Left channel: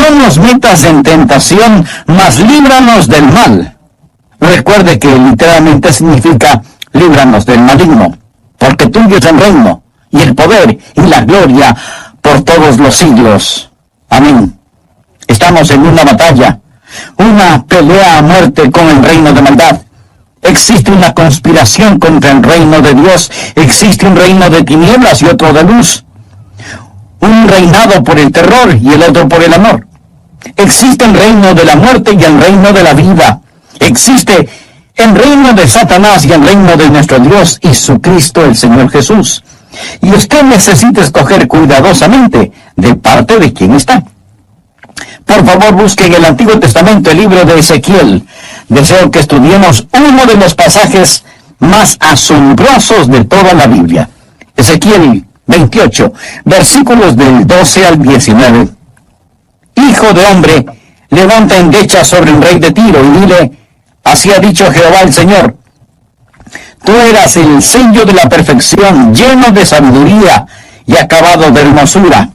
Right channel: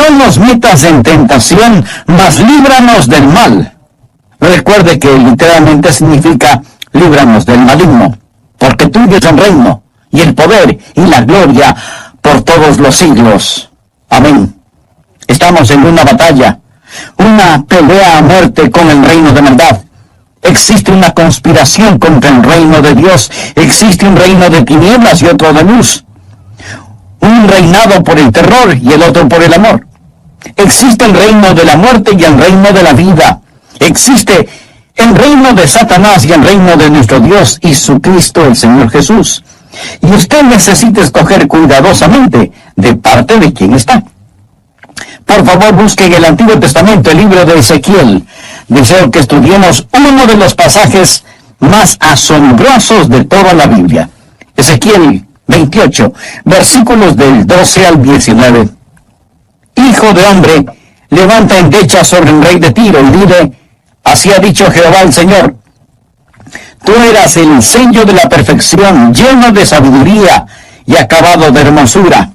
no nos metas en tentación, mas líbranos del mal. Recuerde que literalmente significa líbranos del maligno, porque tuyo es el reino, y el poder, y la gloria, por todos los siglos. Amén. Estamos en una batalla, una pelea a muerte con el reino de maldad. Existe una conspiración contra el reino de Dios. Existe un reino de tinieblas y otro de luz. Un reinado por el terror y el otro por el amor. Existe el reino de la muerte y el reino de la vida. Existe el reino de Satanás y el reino de nuestro Dios y su Cristo, el Señor Jesús. Y usted necesita escoger cuidadosamente de parte de quién está. Por favor, busque en el Antiguo Testamento el libro de Ezequiel. Deseo que estudiemos uno de los pasajes más asombrosos de toda la Biblia. Ezequiel 28, versículos del 12 al 19. Hijo de hombre, levanta endecha sobre el rey de Tiro y dile, así ha dicho Jehová el Señor. Tú eras el sello de la perfección, lleno de sabiduría y acabado de hermosura.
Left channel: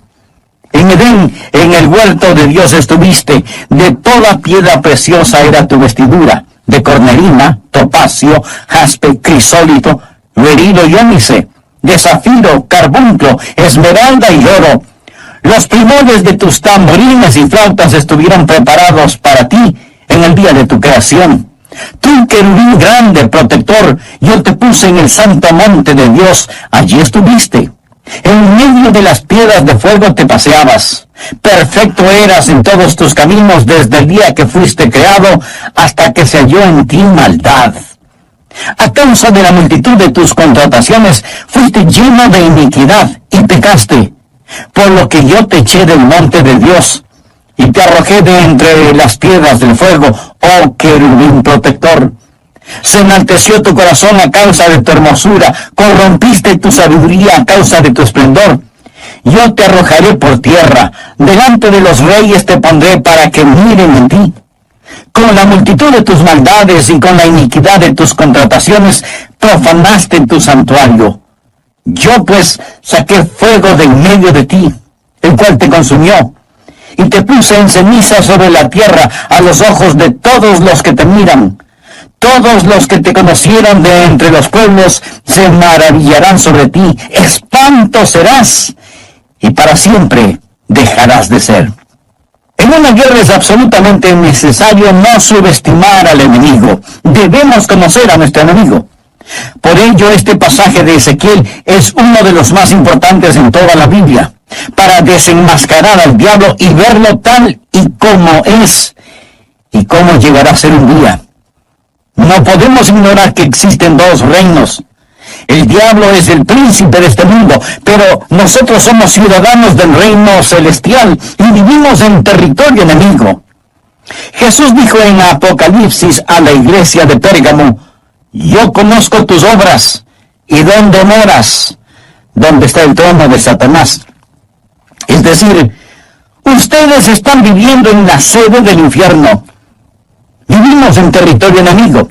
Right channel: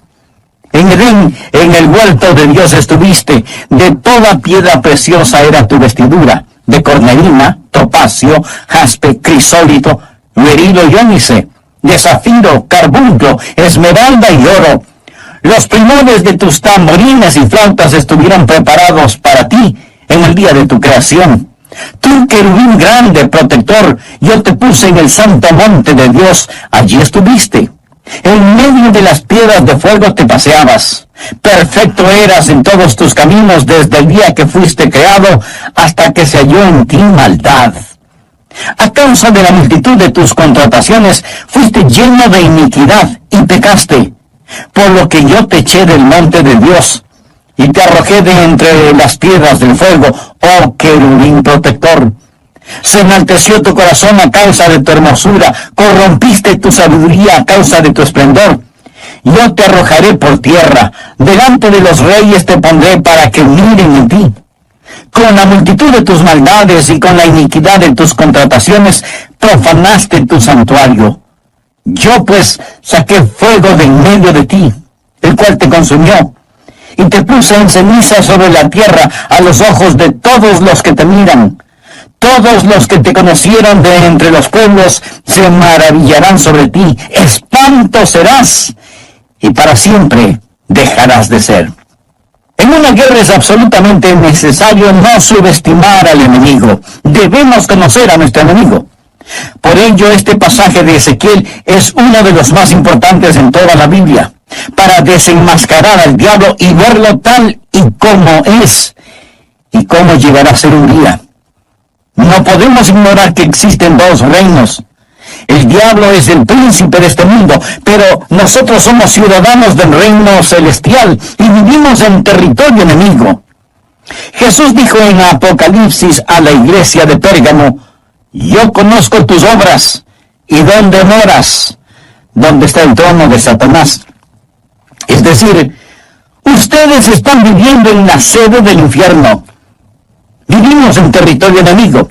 En Edén, en el huerto de Dios estuviste, de toda piedra preciosa era tu vestidura, de cornerina, topacio, jaspe, crisólito, berilo y ónice, de zafiro, carbunclo, esmeralda y oro. Los primores de tus tamborines y flautas estuvieron preparados para ti en el día de tu creación. Tú, querubín grande, protector, yo te puse en el santo monte de Dios, allí estuviste. En medio de las piedras de fuego te paseabas. Perfecto eras en todos tus caminos desde el día que fuiste creado hasta que se halló en ti maldad. A causa de la multitud de tus contrataciones fuiste lleno de iniquidad y pecaste, por lo que yo te eché del monte de Dios y te arrojé de entre las piedras del fuego, oh querubín protector. Se enalteció tu corazón a causa de tu hermosura, corrompiste tu sabiduría a causa de tu esplendor. Yo te arrojaré por tierra, delante de los reyes te pondré para que miren en ti. Con la multitud de tus maldades y con la iniquidad de tus contrataciones, profanaste tu santuario. Yo pues saqué fuego de en medio de ti, el cual te consumió, y te puse en ceniza sobre la tierra a los ojos de todos los que te miran. Todos los que te conocieron de entre los pueblos se maravillarán sobre ti. Espanto serás, y para siempre dejarás de ser. En una guerra es absolutamente necesario no subestimar al enemigo. Debemos conocer a nuestro enemigo. Por ello, este pasaje de Ezequiel es uno de los más importantes en toda la Biblia, para desenmascarar al diablo y verlo tal y como es, y cómo llegará a ser un día. No podemos ignorar que existen dos reinos. El diablo es el príncipe de este mundo, pero nosotros somos ciudadanos del reino celestial y vivimos en territorio enemigo. Jesús dijo en Apocalipsis a la iglesia de Pérgamo, yo conozco tus obras y dónde moras, donde está el trono de Satanás. Es decir, ustedes están viviendo en la sede del infierno. Vivimos en territorio enemigo.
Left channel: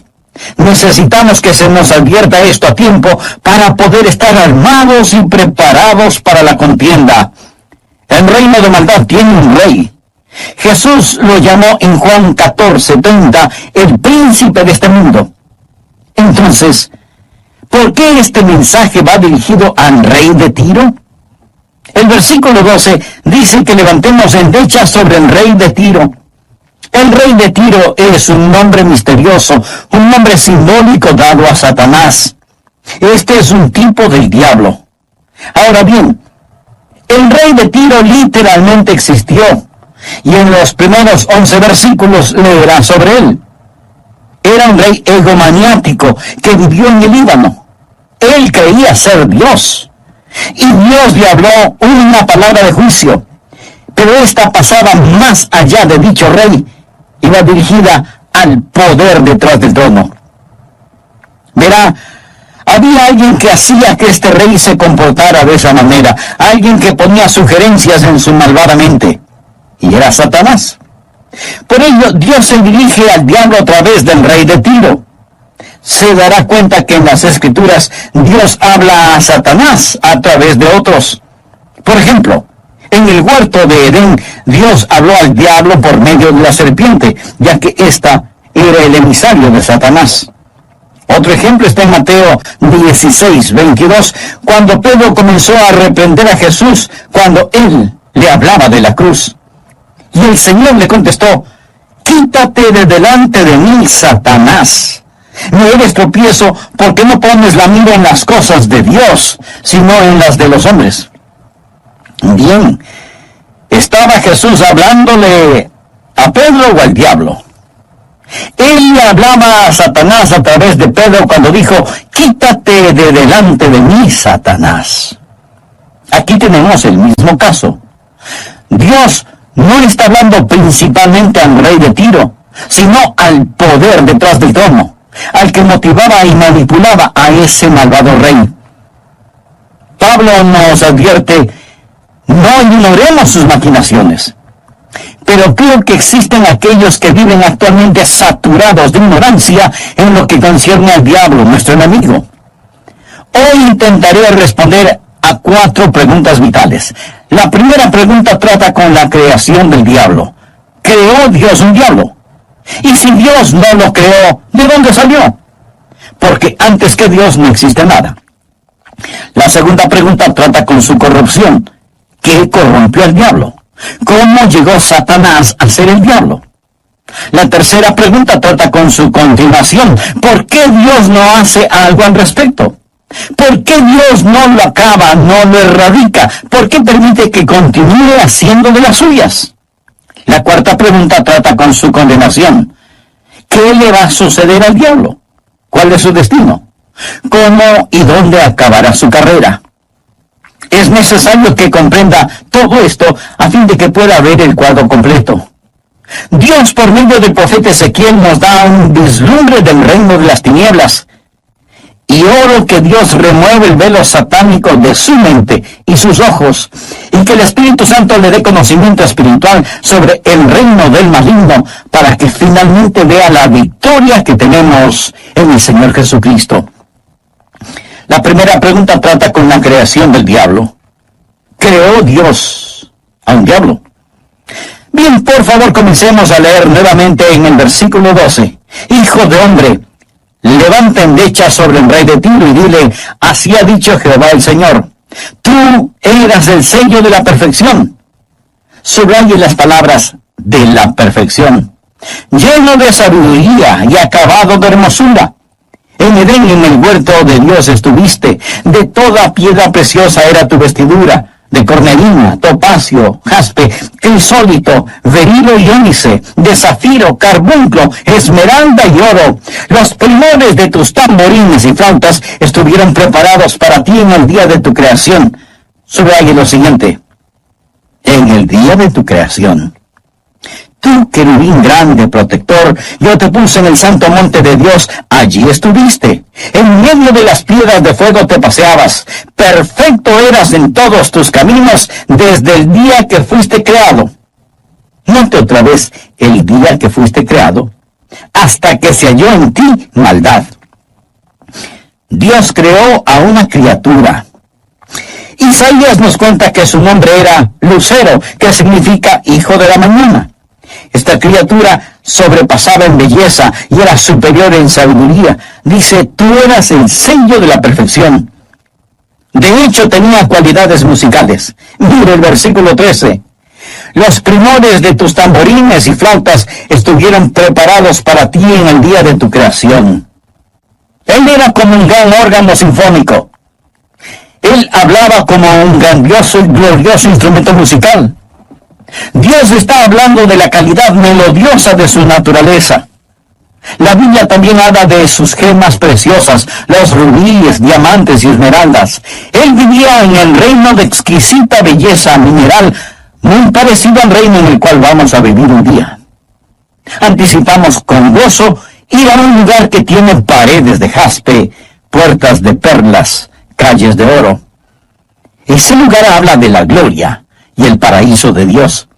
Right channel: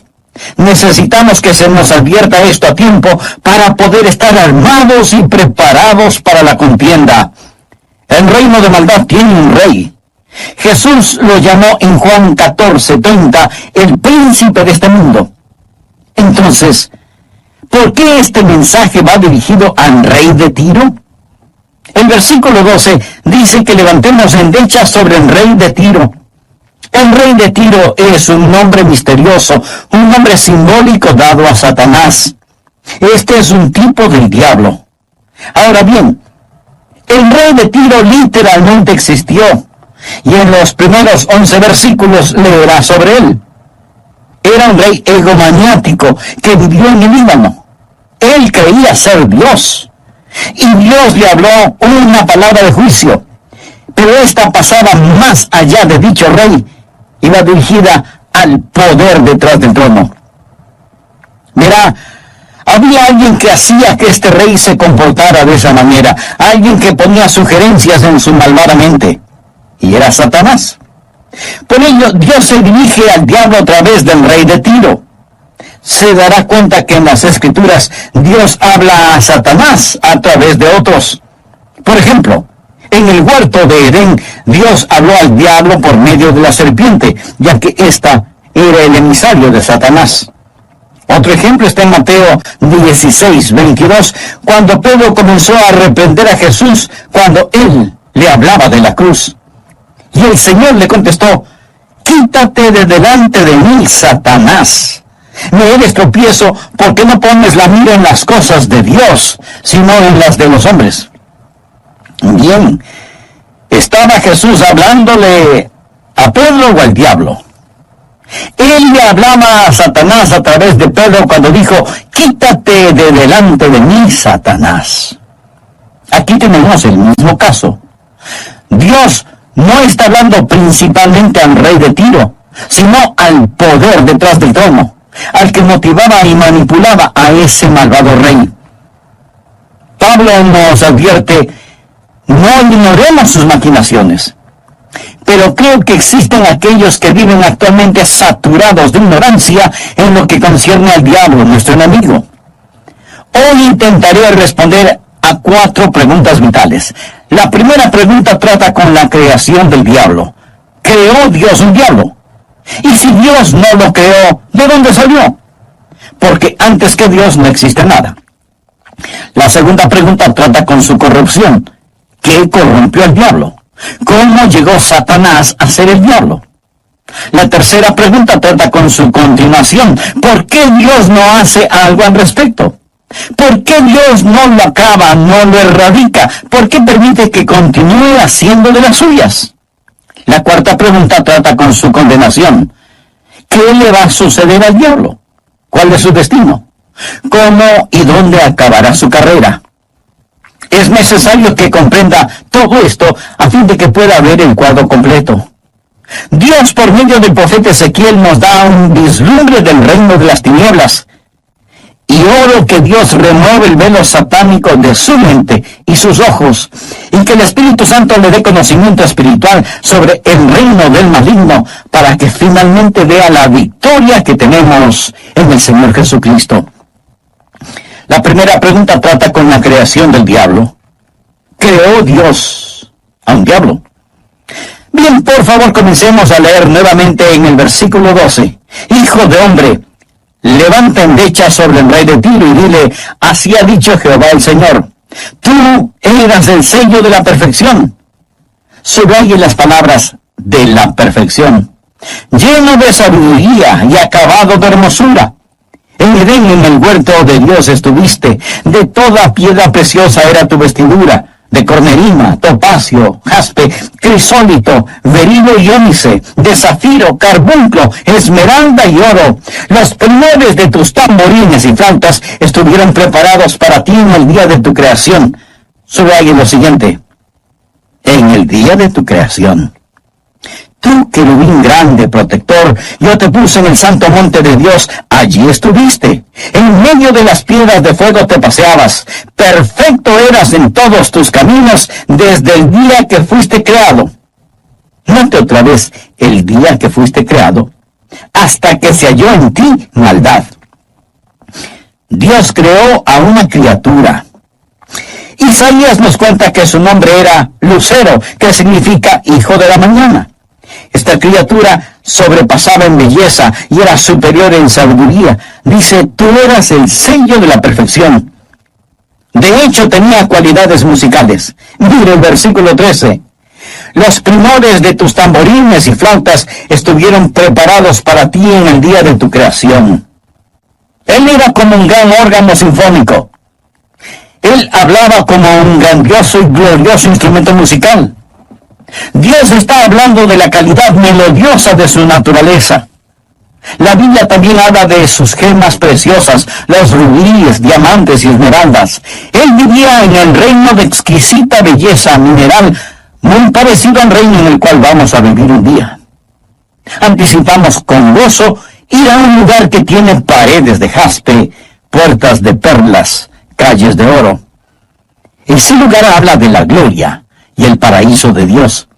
Necesitamos que se nos advierta esto a tiempo para poder estar armados y preparados para la contienda. El reino de maldad tiene un rey. Jesús lo llamó en Juan 14:30 el príncipe de este mundo. Entonces, ¿por qué este mensaje va dirigido al rey de Tiro? El versículo 12 dice que levantemos endecha sobre el rey de Tiro. El rey de Tiro es un nombre misterioso, un nombre simbólico dado a Satanás. Este es un tipo del diablo. Ahora bien, el rey de Tiro literalmente existió, y en los primeros 11 versículos leerá sobre él. Era un rey egomaniático que vivió en el Líbano. Él creía ser Dios, y Dios le habló una palabra de juicio, pero esta pasaba más allá de dicho rey, iba dirigida al poder detrás del trono. Verá, había alguien que hacía que este rey se comportara de esa manera, alguien que ponía sugerencias en su malvada mente, y era Satanás. Por ello, Dios se dirige al diablo a través del rey de Tiro. Se dará cuenta que en las Escrituras Dios habla a Satanás a través de otros. Por ejemplo, En el huerto de Edén, Dios habló al diablo por medio de la serpiente, ya que ésta era el emisario de Satanás. Otro ejemplo está en Mateo 16:22, cuando Pedro comenzó a reprender a Jesús cuando él le hablaba de la cruz. Y el Señor le contestó: quítate de delante de mí, Satanás. Me eres tropiezo porque no pones la mira en las cosas de Dios, sino en las de los hombres. Bien, ¿estaba Jesús hablándole a Pedro o al diablo? Él le hablaba a Satanás a través de Pedro cuando dijo: quítate de delante de mí, Satanás. Aquí tenemos el mismo caso. Dios no está hablando principalmente al rey de Tiro, sino al poder detrás del trono, al que motivaba y manipulaba a ese malvado rey. Pablo nos advierte: no ignoremos sus maquinaciones. Pero creo que existen aquellos que viven actualmente saturados de ignorancia en lo que concierne al diablo, nuestro enemigo. Hoy intentaré responder a 4 preguntas vitales. La primera pregunta trata con la creación del diablo. ¿Creó Dios un diablo? Y si Dios no lo creó, ¿de dónde salió? Porque antes que Dios no existe nada. La segunda pregunta trata con su corrupción. ¿Qué corrompió al diablo? ¿Cómo llegó Satanás a ser el diablo? La tercera pregunta trata con su continuación. ¿Por qué Dios no hace algo al respecto? ¿Por qué Dios no lo acaba, no lo erradica? ¿Por qué permite que continúe haciendo de las suyas? La cuarta pregunta trata con su condenación. ¿Qué le va a suceder al diablo? ¿Cuál es su destino? ¿Cómo y dónde acabará su carrera? Es necesario que comprenda todo esto a fin de que pueda ver el cuadro completo. Dios, por medio del profeta Ezequiel, nos da un vislumbre del reino de las tinieblas. Y oro que Dios remueva el velo satánico de su mente y sus ojos, y que el Espíritu Santo le dé conocimiento espiritual sobre el reino del maligno, para que finalmente vea la victoria que tenemos en el Señor Jesucristo. La primera pregunta trata con la creación del diablo. ¿Creó Dios a un diablo? Bien, por favor, comencemos a leer nuevamente en el versículo 12. Hijo de hombre, levanta endecha sobre el rey de Tiro y dile: así ha dicho Jehová el Señor, tú eras el sello de la perfección. Subraye las palabras de la perfección. Lleno de sabiduría y acabado de hermosura. En Edén, en el huerto de Dios estuviste. De toda piedra preciosa era tu vestidura, de cornerina, topacio, jaspe, crisólito, berilo y ónice, de zafiro, carbunclo, esmeralda y oro. Los primores de tus tamborines y flautas estuvieron preparados para ti en el día de tu creación. Subraye lo siguiente: en el día de tu creación. Tú, querubín grande, protector, yo te puse en el santo monte de Dios, allí estuviste. En medio de las piedras de fuego te paseabas. Perfecto eras en todos tus caminos desde el día que fuiste creado. Note otra vez: el día que fuiste creado, hasta que se halló en ti maldad. Dios creó a una criatura. Isaías nos cuenta que su nombre era Lucero, que significa hijo de la mañana. Esta criatura sobrepasaba en belleza y era superior en sabiduría. Dice: tú eras el sello de la perfección. De hecho, tenía cualidades musicales. Mire el versículo 13. Los primores de tus tamborines y flautas estuvieron preparados para ti en el día de tu creación. Él era como un gran órgano sinfónico. Él hablaba como un grandioso y glorioso instrumento musical. Dios está hablando de la calidad melodiosa de su naturaleza. La Biblia también habla de sus gemas preciosas, los rubíes, diamantes y esmeraldas. Él vivía en el reino de exquisita belleza mineral, muy parecido al reino en el cual vamos a vivir un día. Anticipamos con gozo ir a un lugar que tiene paredes de jaspe, puertas de perlas, calles de oro. Ese lugar habla de la gloria y el paraíso de Dios.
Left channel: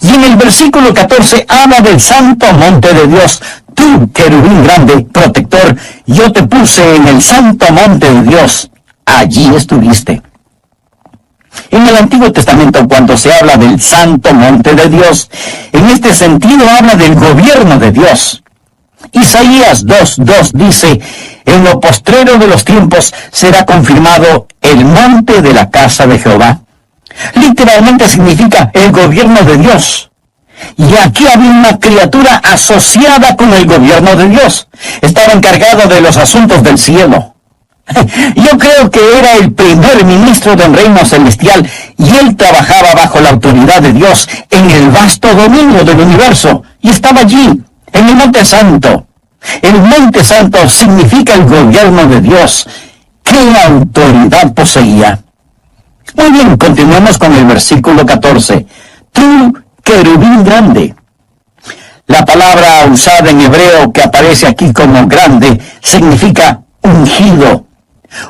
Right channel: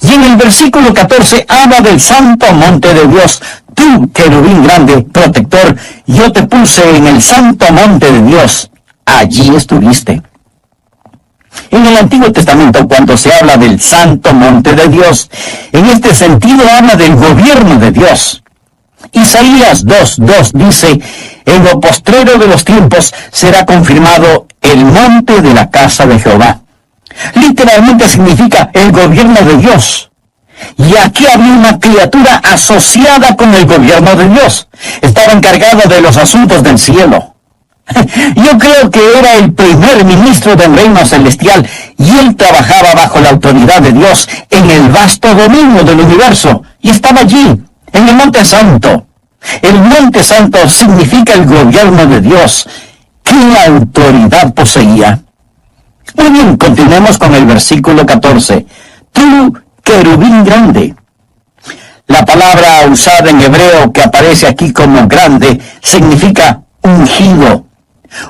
Y en el versículo 14 habla del santo monte de Dios. Tú, querubín grande, protector, yo te puse en el santo monte de Dios. Allí estuviste. En el Antiguo Testamento, cuando se habla del santo monte de Dios, en este sentido habla del gobierno de Dios. Isaías 2:2 dice, en lo postrero de los tiempos será confirmado el monte de la casa de Jehová. Literalmente significa el gobierno de Dios. Y aquí había una criatura asociada con el gobierno de Dios. Estaba encargado de los asuntos del cielo. Yo creo que era el primer ministro del reino celestial y él trabajaba bajo la autoridad de Dios en el vasto dominio del universo. Y estaba allí, en el Monte Santo. El Monte Santo significa el gobierno de Dios. ¿Qué autoridad poseía? Muy bien, continuemos con el versículo 14. Tú, querubín grande. La palabra usada en hebreo que aparece aquí como grande significa ungido.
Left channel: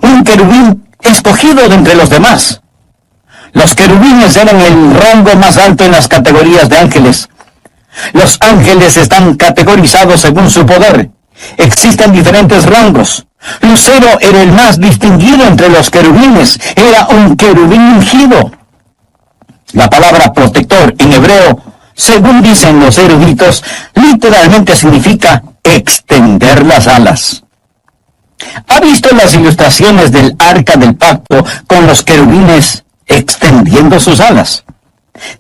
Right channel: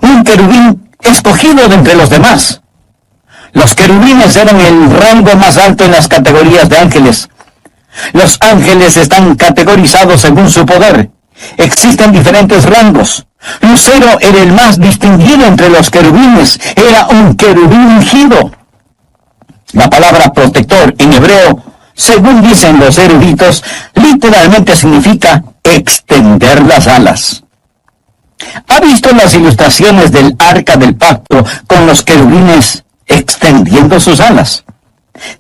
Un querubín escogido de entre los demás. Los querubines eran el rango más alto en las categorías de ángeles. Los ángeles están categorizados según su poder. Existen diferentes rangos. Lucero era el más distinguido entre los querubines. Era un querubín ungido. La palabra protector en hebreo, según dicen los eruditos, literalmente significa extender las alas. ¿Ha visto las ilustraciones del Arca del Pacto con los querubines extendiendo sus alas?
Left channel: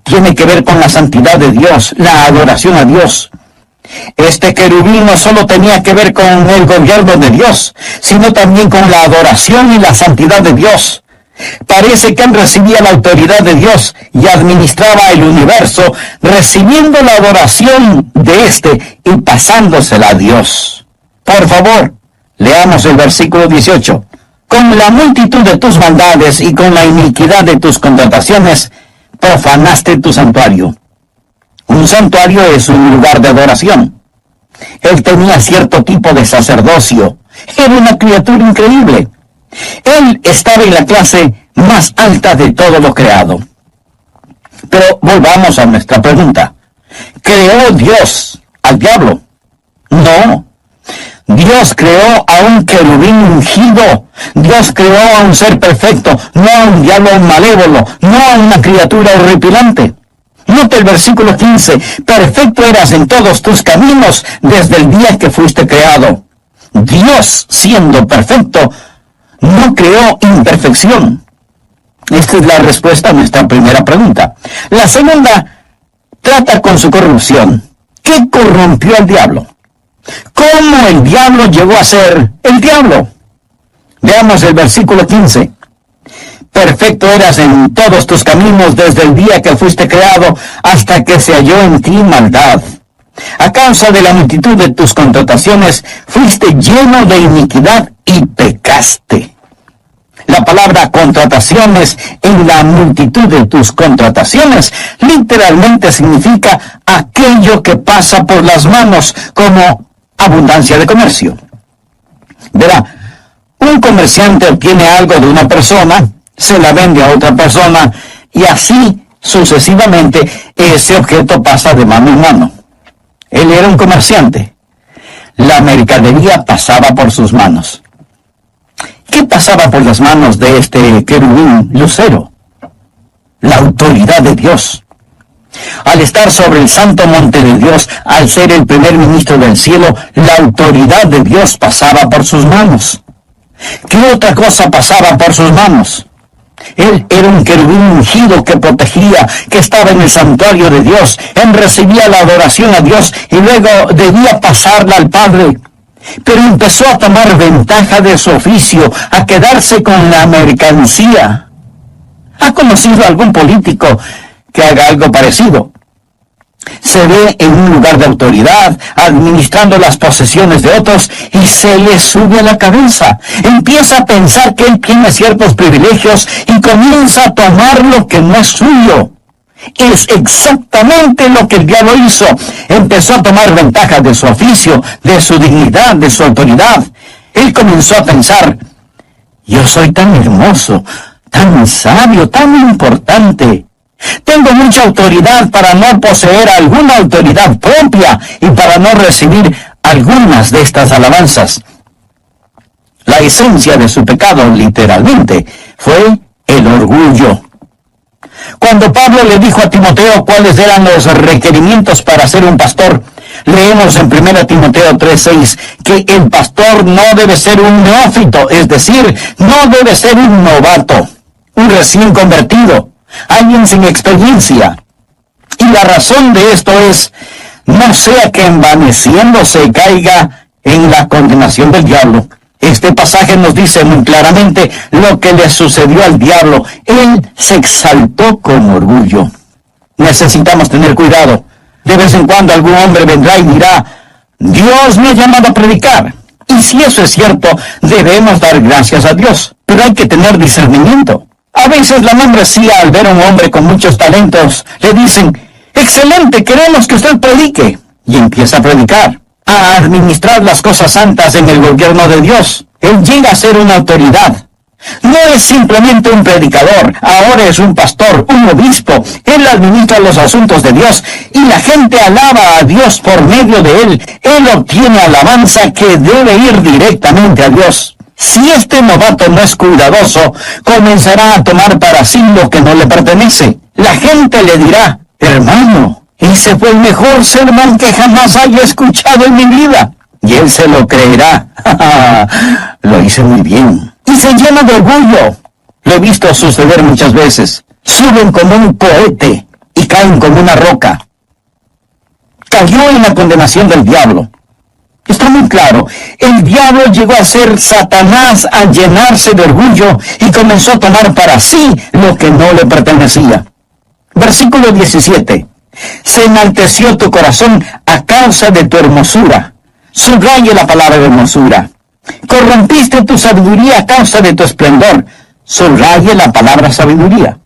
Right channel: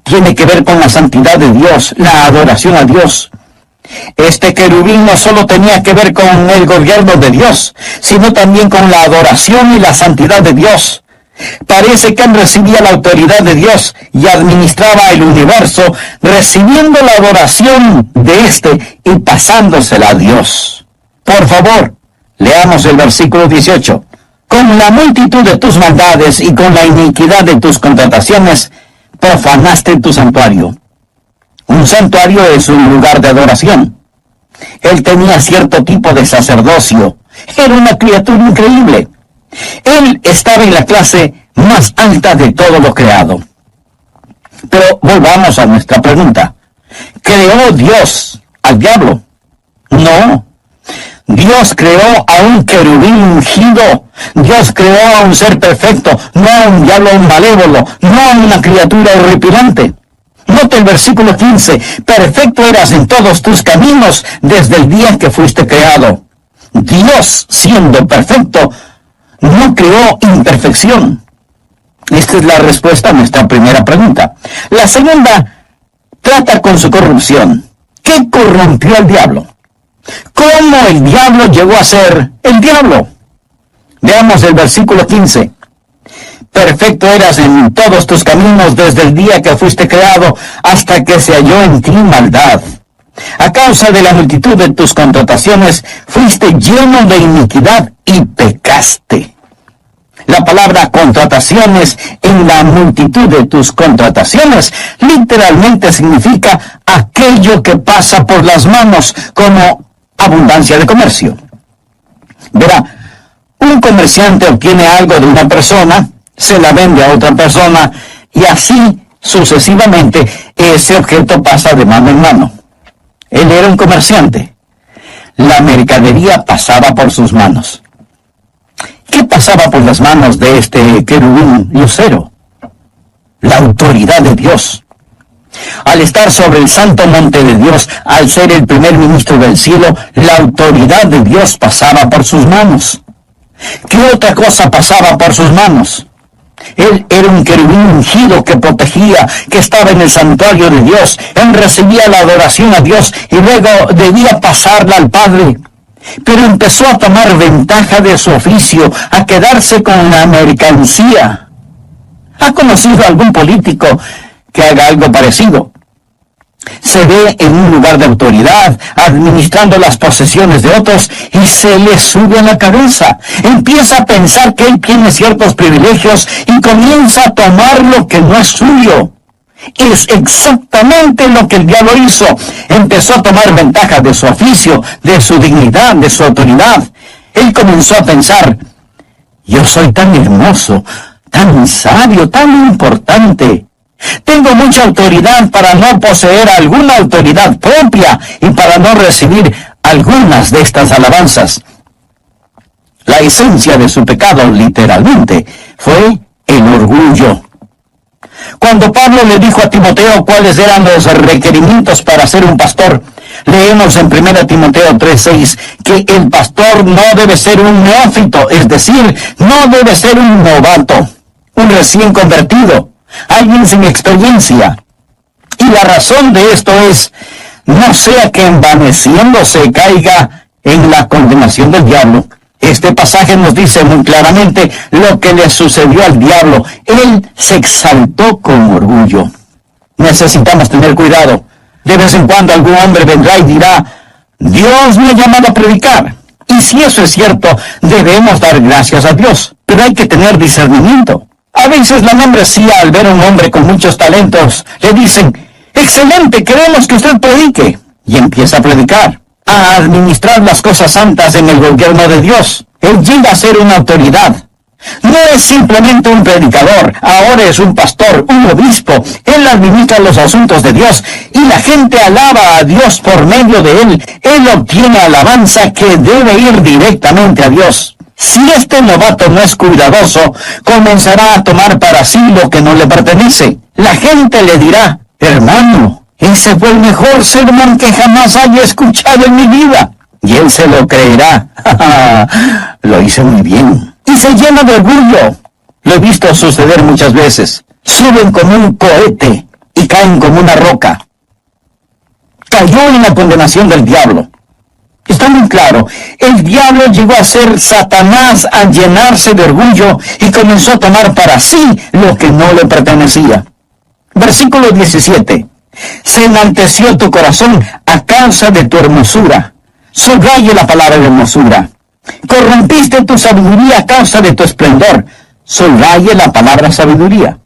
Tiene que ver con la santidad de Dios, la adoración a Dios. Este querubín no solo tenía que ver con el gobierno de Dios, sino también con la adoración y la santidad de Dios. Parece que él recibía la autoridad de Dios y administraba el universo, recibiendo la adoración de éste y pasándosela a Dios. Por favor, leamos el versículo 18. Con la multitud de tus maldades y con la iniquidad de tus contrataciones, profanaste tu santuario. Un santuario es un lugar de adoración. Él tenía cierto tipo de sacerdocio. Era una criatura increíble. Él estaba en la clase más alta de todo lo creado. Pero volvamos a nuestra pregunta. ¿Creó Dios al diablo? No. Dios creó a un querubín ungido. Dios creó a un ser perfecto, no a un diablo malévolo, no a una criatura horripilante. Note el versículo 15. Perfecto eras en todos tus caminos desde el día que fuiste creado. Dios, siendo perfecto, no creó imperfección. Esta es la respuesta a nuestra primera pregunta. La segunda trata con su corrupción. ¿Qué corrompió al diablo? ¿Cómo el diablo llegó a ser el diablo? Veamos el versículo 15. Perfecto eras en todos tus caminos desde el día que fuiste creado hasta que se halló en ti maldad. A causa de la multitud de tus contrataciones fuiste lleno de iniquidad y pecaste. La palabra contrataciones en la multitud de tus contrataciones literalmente significa aquello que pasa por las manos, como abundancia de comercio. Verá, un comerciante obtiene algo de una persona, se la vende a otra persona y así sucesivamente ese objeto pasa de mano en mano. Él era un comerciante. La mercadería pasaba por sus manos. ¿Qué pasaba por las manos de este querubín lucero? La autoridad de Dios. Al estar sobre el santo monte de Dios, al ser el primer ministro del cielo, la autoridad de Dios pasaba por sus manos. ¿Qué otra cosa pasaba por sus manos? Él era un querubín ungido que protegía, que estaba en el santuario de Dios. Él recibía la adoración a Dios y luego debía pasarla al Padre. Pero empezó a tomar ventaja de su oficio, a quedarse con la mercancía. ¿Ha conocido algún político que haga algo parecido? Se ve en un lugar de autoridad, administrando las posesiones de otros, y se le sube a la cabeza. Empieza a pensar que él tiene ciertos privilegios y comienza a tomar lo que no es suyo. Es exactamente lo que el diablo hizo. Empezó a tomar ventaja de su oficio, de su dignidad, de su autoridad. Él comenzó a pensar, yo soy tan hermoso, tan sabio, tan importante. Tengo mucha autoridad para no poseer alguna autoridad propia y para no recibir algunas de estas alabanzas. La esencia de su pecado, literalmente, fue el orgullo. Cuando Pablo le dijo a Timoteo cuáles eran los requerimientos para ser un pastor, leemos en 1 Timoteo 3:6 que el pastor no debe ser un neófito, es decir, no debe ser un novato, un recién convertido, alguien sin experiencia. Y la razón de esto es, no sea que envaneciéndose caiga en la condenación del diablo. Este pasaje nos dice muy claramente lo que le sucedió al diablo. Él se exaltó con orgullo. Necesitamos tener cuidado. De vez en cuando algún hombre vendrá y dirá, Dios me ha llamado a predicar. Y si eso es cierto, debemos dar gracias a Dios. Pero hay que tener discernimiento. A veces la membresía, al ver a un hombre con muchos talentos, le dicen, excelente, queremos que usted predique. Y empieza a predicar, a administrar las cosas santas en el gobierno de Dios. Él llega a ser una autoridad. No es simplemente un predicador, ahora es un pastor, un obispo. Él administra los asuntos de Dios y la gente alaba a Dios por medio de él. Él obtiene alabanza que debe ir directamente a Dios. Si este novato no es cuidadoso, comenzará a tomar para sí lo que no le pertenece. La gente le dirá, hermano, ese fue el mejor sermón que jamás haya escuchado en mi vida. Y él se lo creerá. Lo hice muy bien. Y se llena de orgullo. Lo he visto suceder muchas veces. Suben como un cohete y caen como una roca. Cayó en la condenación del diablo. Está muy claro, el diablo llegó a ser Satanás al llenarse de orgullo y comenzó a tomar para sí lo que no le pertenecía. Versículo 17. Se enalteció tu corazón a causa de tu hermosura. Subraye la palabra de hermosura. Corrompiste tu sabiduría a causa de tu esplendor. Subraye la palabra sabiduría.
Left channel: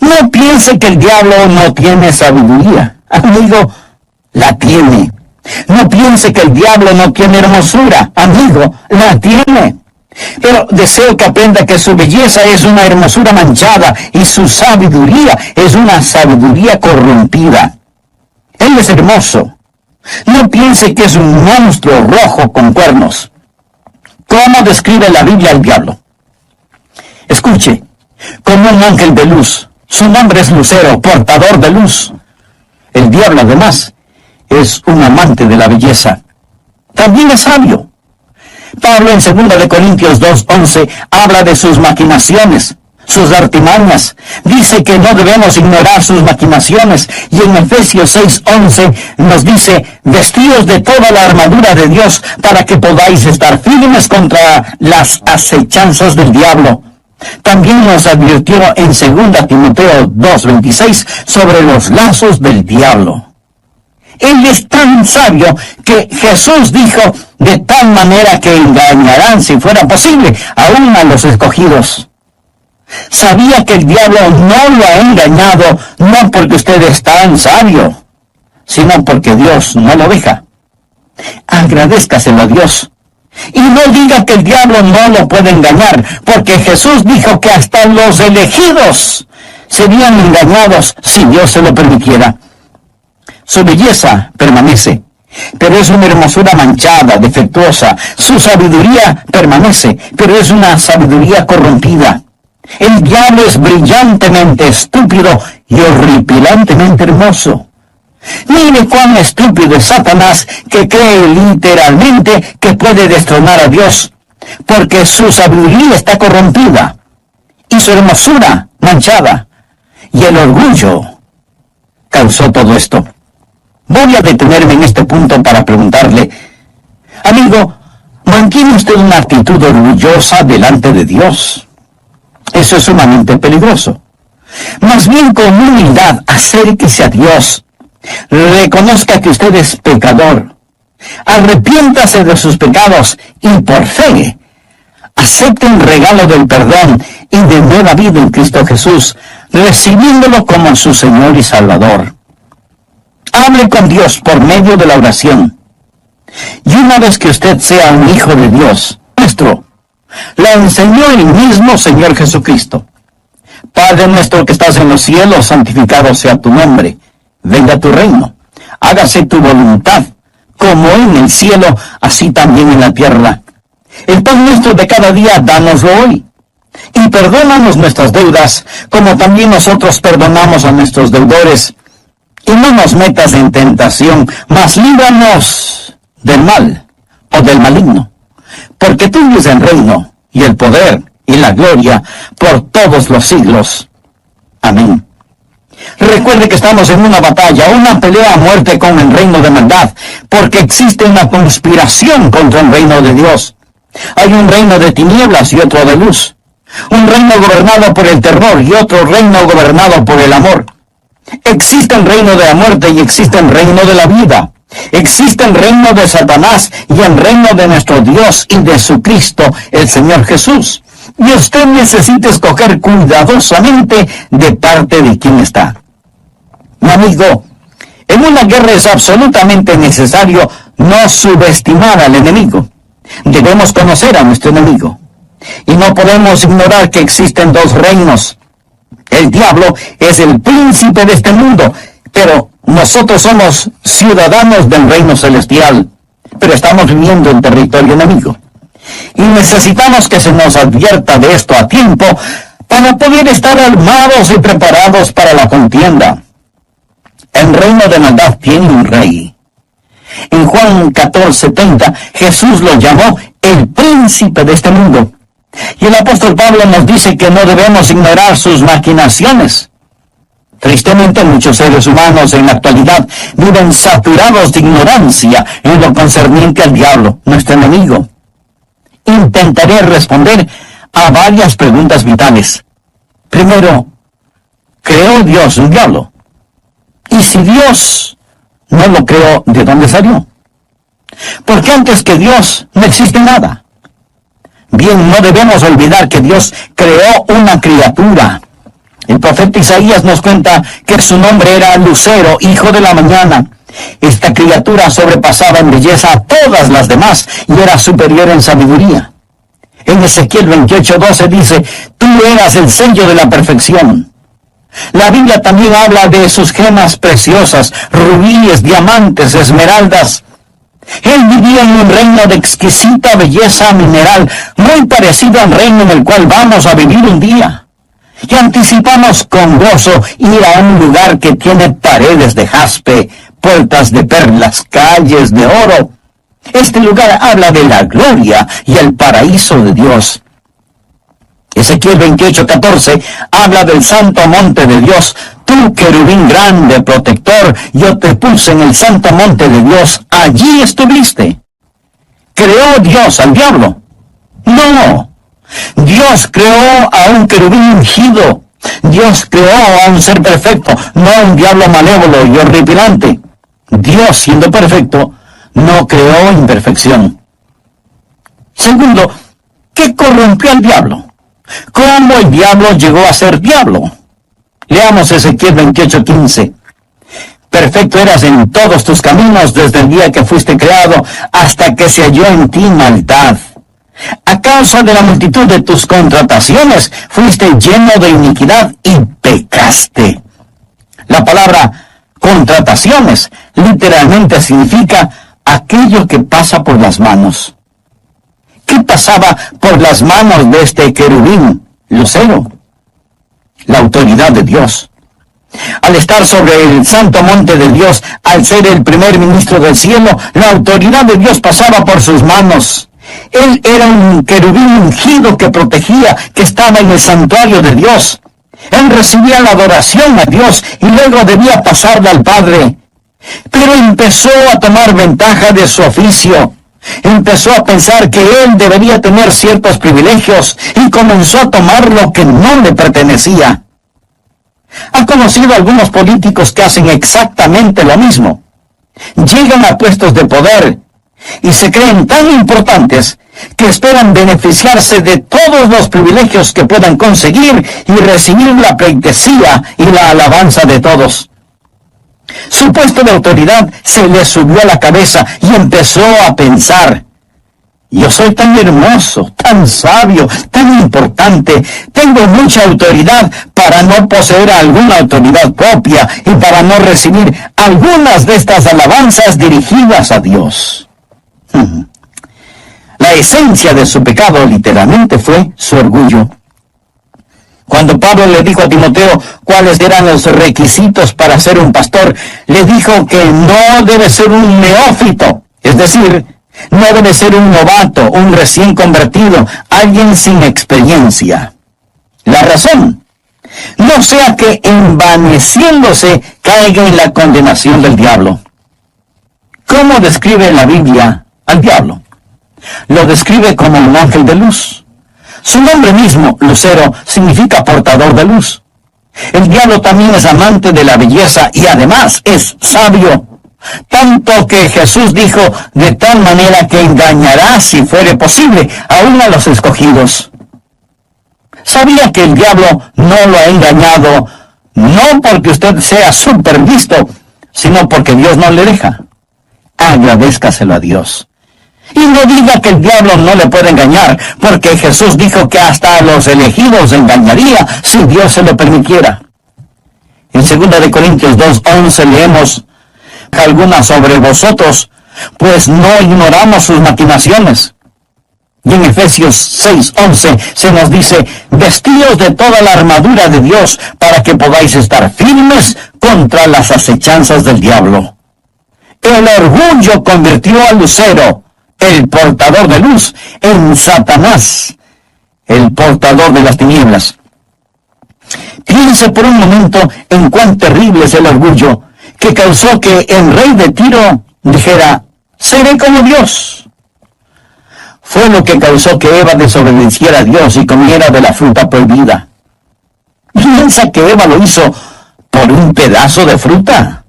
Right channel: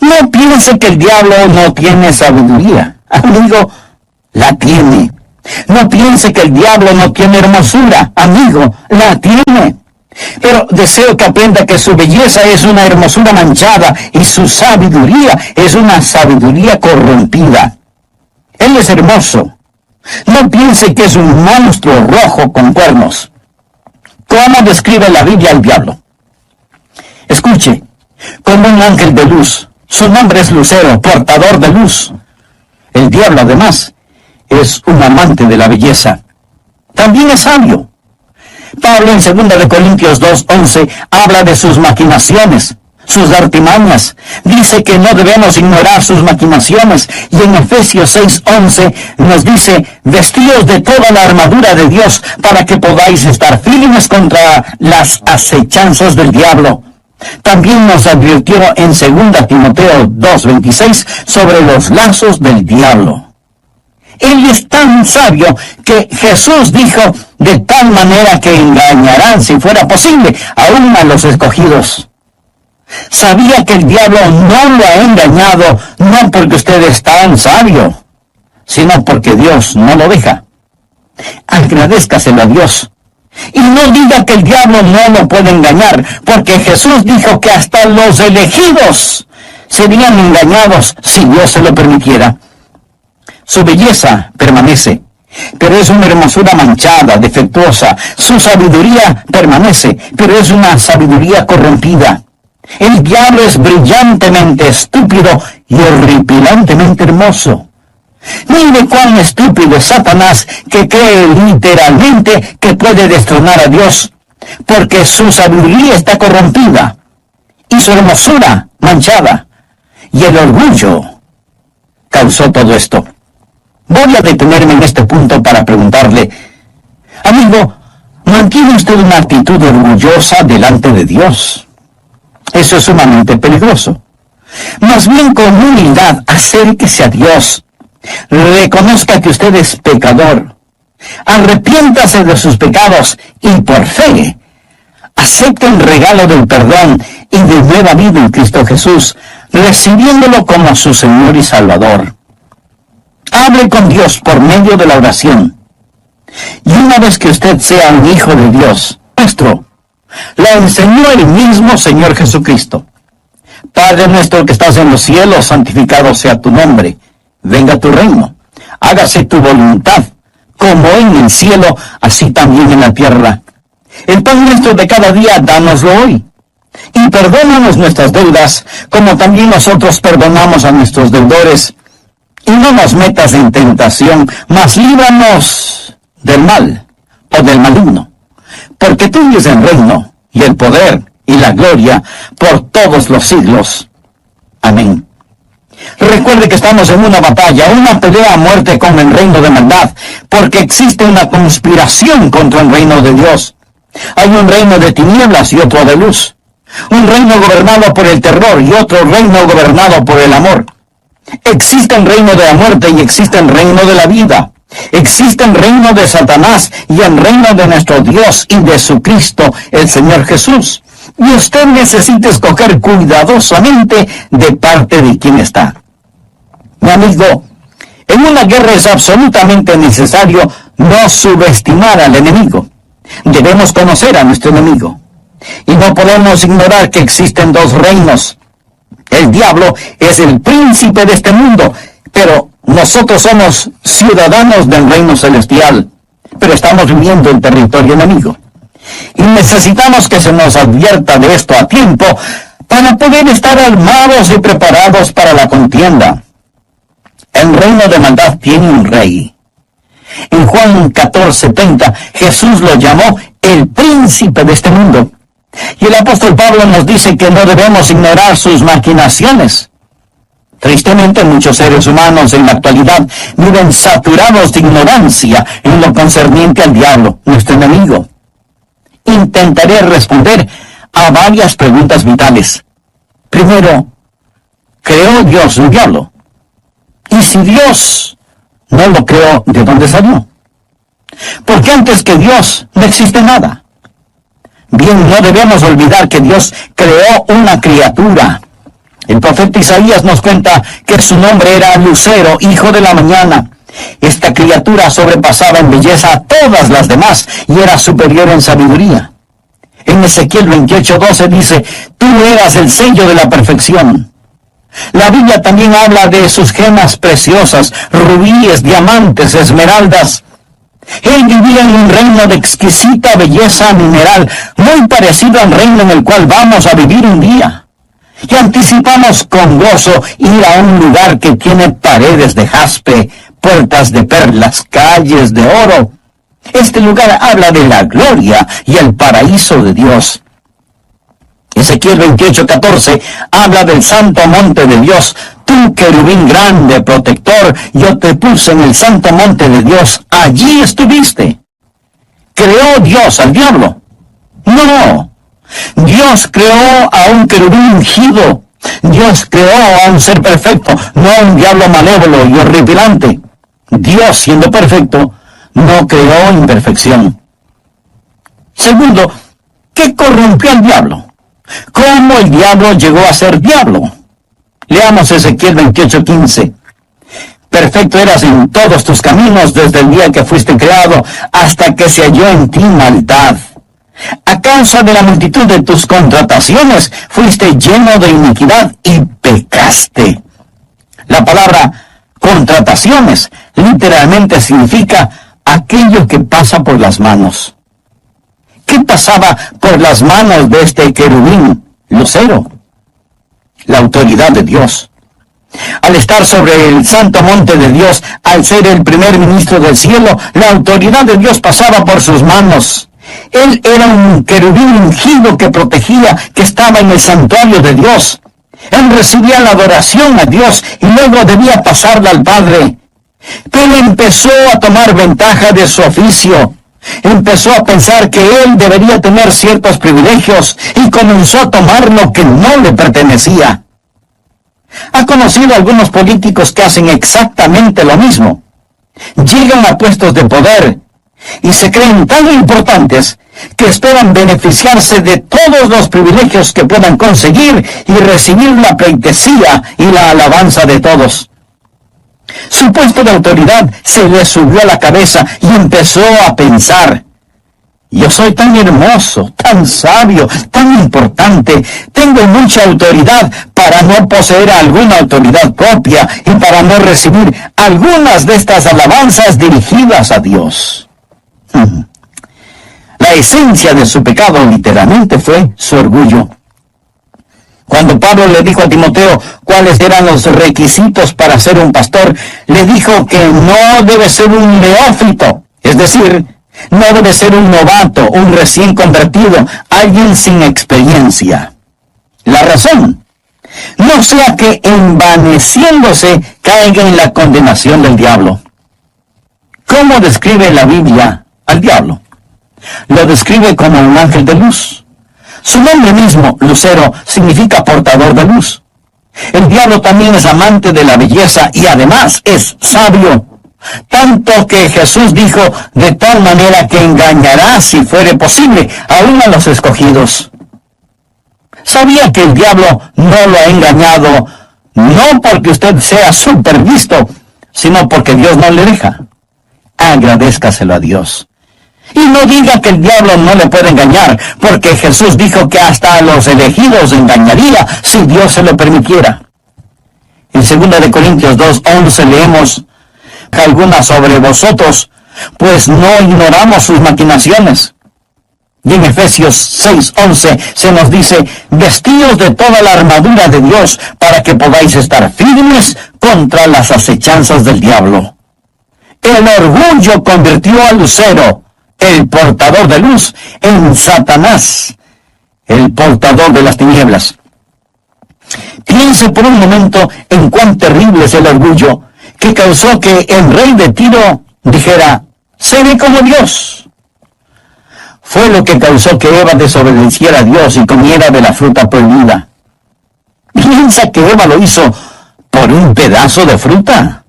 No piense que el diablo no tiene sabiduría. Amigo, la tiene. No piense que el diablo no tiene hermosura. Amigo, la tiene. Pero deseo que aprenda que su belleza es una hermosura manchada y su sabiduría es una sabiduría corrompida. Él es hermoso. No piense que es un monstruo rojo con cuernos. ¿Cómo describe la Biblia al diablo? Escuche, como un ángel de luz. Su nombre es Lucero, portador de luz. El diablo, además, es un amante de la belleza. También es sabio. Pablo en 2 Corintios 2:11 habla de sus maquinaciones, sus artimañas. Dice que no debemos ignorar sus maquinaciones. Y en Efesios 6:11 nos dice, vestíos de toda la armadura de Dios para que podáis estar firmes contra las acechanzas del diablo. También nos advirtió en 2 Timoteo 2:26 sobre los lazos del diablo. Él es tan sabio que Jesús dijo, de tal manera que engañarán, si fuera posible, aún a los escogidos. Sabía que el diablo no lo ha engañado, no porque usted es tan sabio, sino porque Dios no lo deja. Agradézcaselo a Dios. Y no diga que el diablo no lo puede engañar, porque Jesús dijo que hasta los elegidos serían engañados si Dios se lo permitiera. Su belleza permanece, pero es una hermosura manchada, defectuosa. Su sabiduría permanece, pero es una sabiduría corrompida. El diablo es brillantemente estúpido y horripilantemente hermoso. Mire cuán estúpido es Satanás, que cree literalmente que puede destronar a Dios, porque su sabiduría está corrompida y su hermosura manchada, y el orgullo causó todo esto. Voy a detenerme en este punto para preguntarle, amigo, ¿mantiene usted una actitud orgullosa delante de Dios? Eso es sumamente peligroso. Más bien con humildad, acérquese a Dios. Reconozca que usted es pecador. Arrepiéntase de sus pecados y por fe acepte el regalo del perdón y de nueva vida en Cristo Jesús, recibiéndolo como su Señor y Salvador. Hable con Dios por medio de la oración. Y una vez que usted sea un hijo de Dios, nuestro, la enseñó el mismo Señor Jesucristo. Padre nuestro que estás en los cielos, santificado sea tu nombre. Venga tu reino. Hágase tu voluntad, como en el cielo, así también en la tierra. El pan nuestro de cada día, dánoslo hoy. Y perdónanos nuestras deudas, como también nosotros perdonamos a nuestros deudores. Y no nos metas en tentación, mas líbranos del mal o del maligno. Porque tuyo es el reino, y el poder, y la gloria, por todos los siglos. Amén. Recuerde que estamos en una batalla, una pelea a muerte con el reino de maldad, porque existe una conspiración contra el reino de Dios. Hay un reino de tinieblas y otro de luz. Un reino gobernado por el terror y otro reino gobernado por el amor. Existe el reino de la muerte y existe el reino de la vida. Existe el reino de Satanás y el reino de nuestro Dios y de su Cristo, el Señor Jesús. Y usted necesita escoger cuidadosamente de parte de quién está. Mi amigo, en una guerra es absolutamente necesario no subestimar al enemigo. Debemos conocer a nuestro enemigo. Y no podemos ignorar que existen dos reinos. El diablo es el príncipe de este mundo, pero nosotros somos ciudadanos del reino celestial, pero estamos viviendo en territorio enemigo. Y necesitamos que se nos advierta de esto a tiempo para poder estar armados y preparados para la contienda. El reino de maldad tiene un rey. En Juan 14:30, Jesús lo llamó el príncipe de este mundo. Y el apóstol Pablo nos dice que no debemos ignorar sus maquinaciones. Tristemente, muchos seres humanos en la actualidad viven saturados de ignorancia en lo concerniente al diablo, nuestro enemigo. Intentaré responder a varias preguntas vitales. Primero, ¿creó Dios un diablo? Y si Dios no lo creó, ¿de dónde salió? Porque antes que Dios no existe nada. Bien, no debemos olvidar que Dios creó una criatura. El profeta Isaías nos cuenta que su nombre era Lucero, hijo de la mañana. Esta criatura sobrepasaba en belleza a todas las demás y era superior en sabiduría. En Ezequiel 28:12 dice, tú eras el sello de la perfección. La Biblia también habla de sus gemas preciosas, rubíes, diamantes, esmeraldas. Él vivía en un reino de exquisita belleza mineral, muy parecido al reino en el cual vamos a vivir un día. Y anticipamos con gozo ir a un lugar que tiene paredes de jaspe, puertas de perlas, calles de oro. Este lugar habla de la gloria y el paraíso de Dios. Ezequiel 28:14 habla del santo monte de Dios. Tú, querubín grande, protector, yo te puse en el santo monte de Dios. Allí estuviste. ¿Creó Dios al diablo? No. Dios creó a un querubín ungido. Dios creó a un ser perfecto, no a un diablo malévolo y horripilante. Dios, siendo perfecto, no creó imperfección. Segundo, ¿qué corrompió al diablo? ¿Cómo el diablo llegó a ser diablo? Leamos Ezequiel 28:15. Perfecto eras en todos tus caminos desde el día que fuiste creado hasta que se halló en ti maldad. A causa de la multitud de tus contrataciones fuiste lleno de iniquidad y pecaste. La palabra contrataciones literalmente significa aquello que pasa por las manos. ¿Qué pasaba por las manos de este querubín, Lucero? La autoridad de Dios. Al estar sobre el santo monte de Dios, al ser el primer ministro del cielo, la autoridad de Dios pasaba por sus manos. Él era un querubín ungido que protegía, que estaba en el santuario de Dios. Él recibía la adoración a Dios y luego debía pasarla al Padre. Pero empezó a tomar ventaja de su oficio. Empezó a pensar que él debería tener ciertos privilegios y comenzó a tomar lo que no le pertenecía. Ha conocido algunos políticos que hacen exactamente lo mismo. Llegan a puestos de poder y se creen tan importantes que esperan beneficiarse de todos los privilegios que puedan conseguir y recibir la pleitesía y la alabanza de todos. Su puesto de autoridad se le subió a la cabeza y empezó a pensar: yo soy tan hermoso, tan sabio, tan importante, tengo mucha autoridad para no poseer alguna autoridad propia y para no recibir algunas de estas alabanzas dirigidas a Dios. La esencia de su pecado literalmente fue su orgullo. Cuando Pablo le dijo a Timoteo cuáles eran los requisitos para ser un pastor, le dijo que no debe ser un neófito, es decir, no debe ser un novato, un recién convertido, alguien sin experiencia. La razón, no sea que envaneciéndose caiga en la condenación del diablo. ¿Cómo describe la Biblia al diablo? Lo describe como un ángel de luz. Su nombre mismo, Lucero, significa portador de luz. El diablo también es amante de la belleza y además es sabio. Tanto que Jesús dijo, de tal manera que engañará, si fuere posible, aún a los escogidos. ¿Sabía que el diablo no lo ha engañado, no porque usted sea supervisto, sino porque Dios no le deja? Agradézcaselo a Dios. Y no diga que el diablo no le puede engañar, porque Jesús dijo que hasta a los elegidos engañaría si Dios se lo permitiera. En 2 Corintios 2:11 leemos, alguna sobre vosotros, pues no ignoramos sus maquinaciones. Y en Efesios 6:11 se nos dice, vestíos de toda la armadura de Dios para que podáis estar firmes contra las acechanzas del diablo. El orgullo convirtió a Lucero, el portador de luz, en Satanás, el portador de las tinieblas. Piense por un momento en cuán terrible es el orgullo que causó que el rey de Tiro dijera, seré como Dios. Fue lo que causó que Eva desobedeciera a Dios y comiera de la fruta prohibida. ¿Piensa que Eva lo hizo por un pedazo de fruta?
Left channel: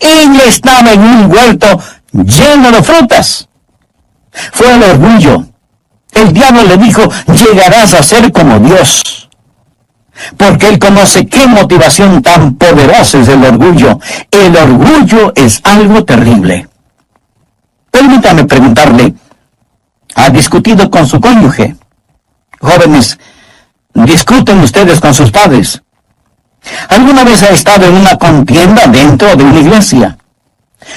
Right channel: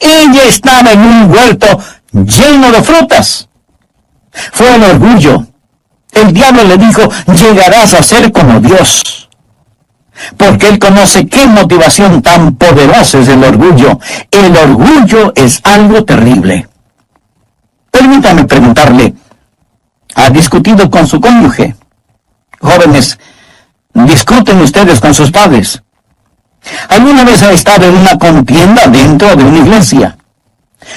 Ella estaba en un huerto lleno de frutas. Fue el orgullo. El diablo le dijo, llegarás a ser como Dios. Porque él conoce qué motivación tan poderosa es el orgullo. El orgullo es algo terrible. Permítame preguntarle, ¿ha discutido con su cónyuge? Jóvenes, ¿discuten ustedes con sus padres? ¿Alguna vez ha estado en una contienda dentro de una iglesia?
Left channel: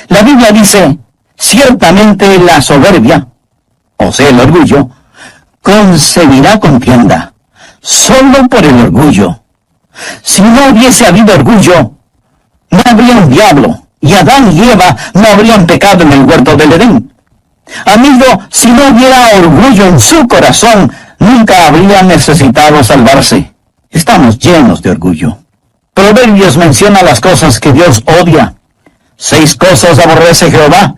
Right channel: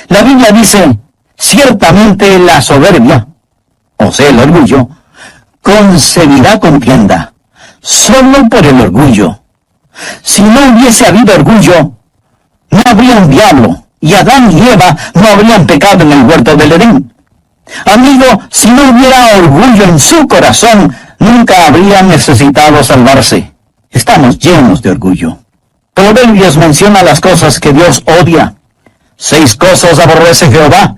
La Biblia dice, ciertamente la soberbia, o sea, el orgullo, concebirá contienda, solo por el orgullo. Si no hubiese habido orgullo, no habría un diablo, y Adán y Eva no habrían pecado en el huerto del Edén. Amigo, si no hubiera orgullo en su corazón, nunca habría necesitado salvarse. Estamos llenos de orgullo. Proverbios menciona las cosas que Dios odia. 6 cosas aborrece Jehová,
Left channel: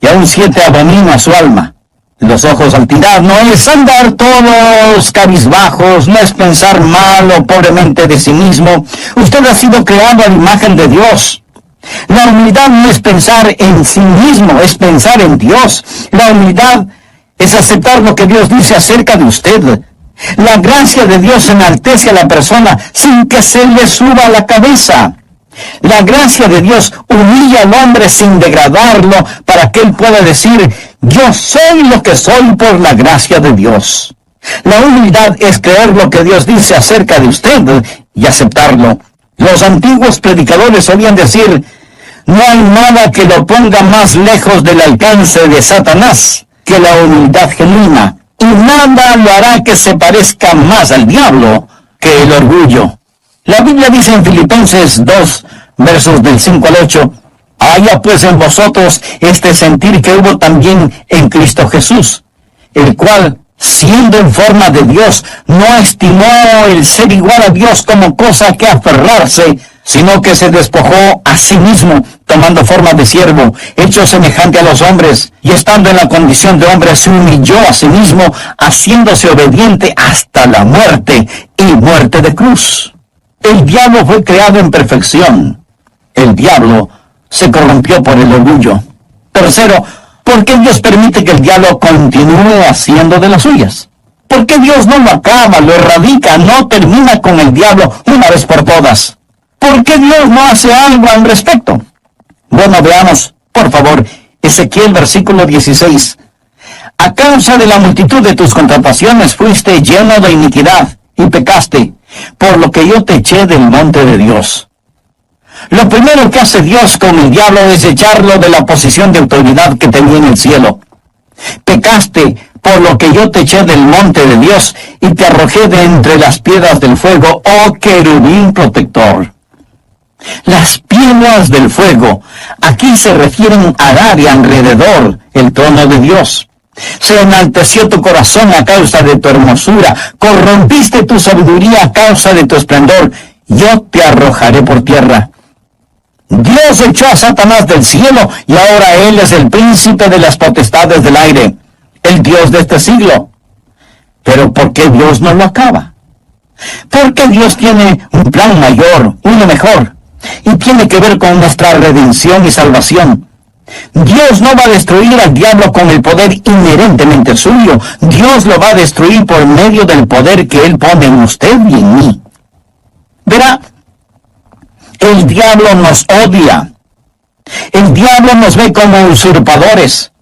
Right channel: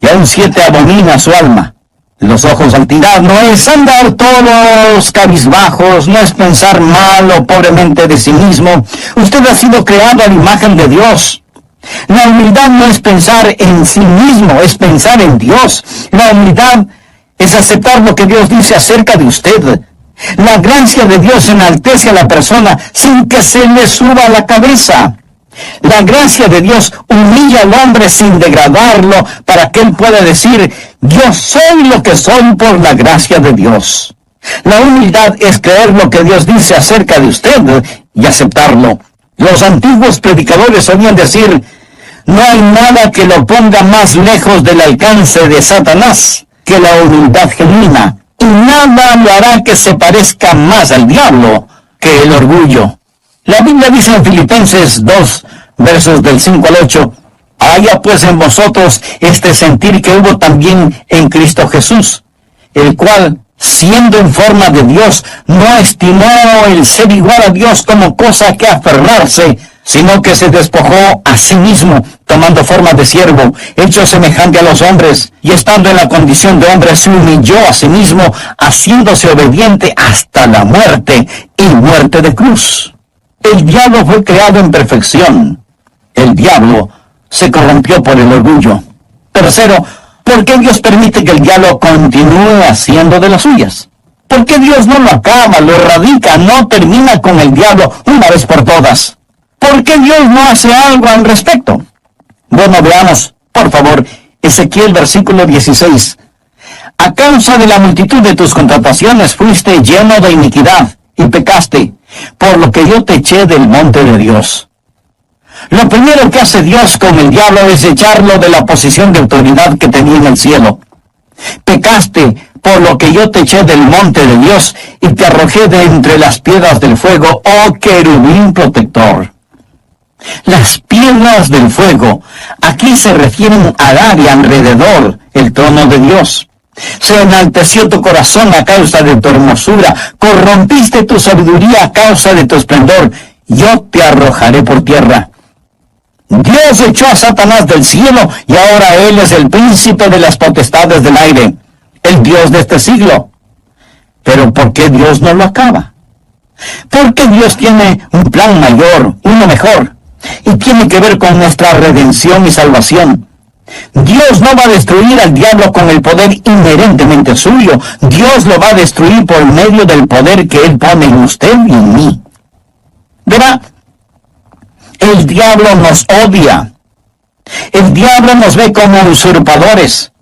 y aún 7 abomina su alma. Los ojos al tirar no es andar todos cabizbajos, no es pensar mal o pobremente de sí mismo. Usted ha sido creado a la imagen de Dios. La humildad no es pensar en sí mismo, es pensar en Dios. La humildad es aceptar lo que Dios dice acerca de usted. La gracia de Dios enaltece a la persona sin que se le suba a la cabeza. La gracia de Dios humilla al hombre sin degradarlo para que él pueda decir, yo soy lo que soy por la gracia de Dios. La humildad es creer lo que Dios dice acerca de usted y aceptarlo. Los antiguos predicadores solían decir, no hay nada que lo ponga más lejos del alcance de Satanás que la humildad genuina, y nada lo hará que se parezca más al diablo que el orgullo. La Biblia dice en Filipenses 2, versos del 5 al 8, haya pues en vosotros este sentir que hubo también en Cristo Jesús, el cual, siendo en forma de Dios, no estimó el ser igual a Dios como cosa que aferrarse, sino que se despojó a sí mismo, tomando forma de siervo, hecho semejante a los hombres, y estando en la condición de hombre, se humilló a sí mismo, haciéndose obediente hasta la muerte, y muerte de cruz. El diablo fue creado en perfección. El diablo se corrompió por el orgullo. Tercero, ¿por qué Dios permite que el diablo continúe haciendo de las suyas? ¿Por qué Dios no lo acaba, lo erradica, no termina con el diablo una vez por todas? ¿Por qué Dios no hace algo al respecto? Bueno, veamos, por favor, Ezequiel versículo 16. A causa de la multitud de tus contrataciones fuiste lleno de iniquidad y pecaste, por lo que yo te eché del monte de Dios. Lo primero que hace Dios con el diablo es echarlo de la posición de autoridad que tenía en el cielo. Pecaste por lo que yo te eché del monte de Dios y te arrojé de entre las piedras del fuego, oh querubín protector. Las piedras del fuego aquí se refieren al área alrededor el trono de Dios. Se enalteció tu corazón a causa de tu hermosura, corrompiste tu sabiduría a causa de tu esplendor, yo te arrojaré por tierra. Dios echó a Satanás del cielo y ahora él es el príncipe de las potestades del aire, el Dios de este siglo. Pero ¿por qué Dios no lo acaba? Porque Dios tiene un plan mayor, uno mejor, y tiene que ver con nuestra redención y salvación. Dios no va a destruir al diablo con el poder inherentemente suyo. Dios lo va a destruir por medio del poder que Él pone en usted y en mí. Verá, el diablo nos odia. El diablo nos ve como usurpadores.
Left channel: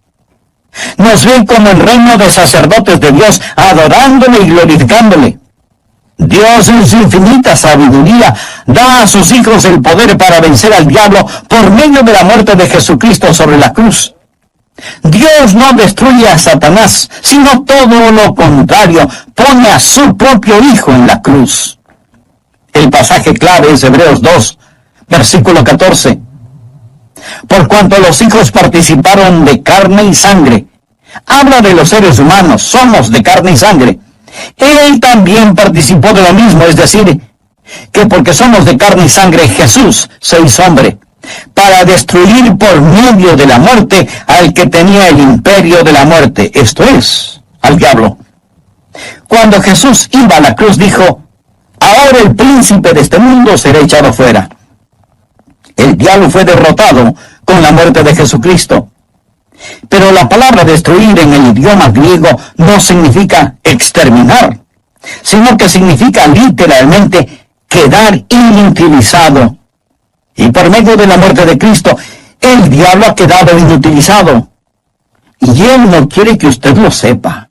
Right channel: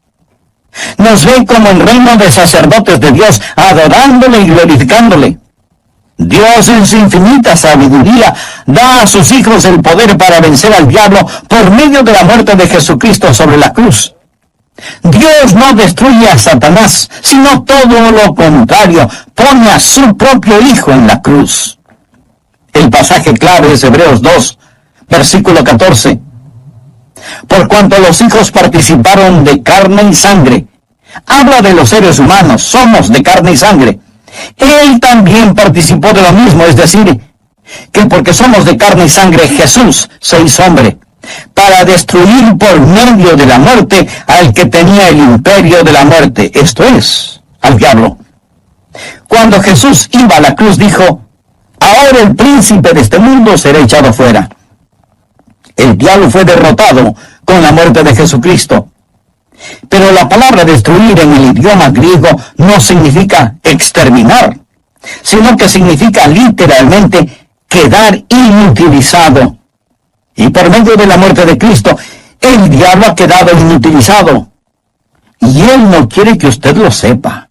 Nos ve como el reino de sacerdotes de Dios, adorándole y glorificándole. Dios en su infinita sabiduría da a sus hijos el poder para vencer al diablo por medio de la muerte de Jesucristo sobre la cruz. Dios no destruye a Satanás, sino todo lo contrario, pone a su propio Hijo en la cruz. El pasaje clave es Hebreos 2, versículo 14. Por cuanto los hijos participaron de carne y sangre, habla de los seres humanos, somos de carne y sangre. Él también participó de lo mismo, es decir, que porque somos de carne y sangre, Jesús se hizo hombre, para destruir por medio de la muerte al que tenía el imperio de la muerte, esto es, al diablo. Cuando Jesús iba a la cruz dijo, ahora el príncipe de este mundo será echado fuera. El diablo fue derrotado con la muerte de Jesucristo. Pero la palabra destruir en el idioma griego no significa exterminar, sino que significa literalmente quedar inutilizado. Y por medio de la muerte de Cristo, el diablo ha quedado inutilizado. Y Él no quiere que usted lo sepa.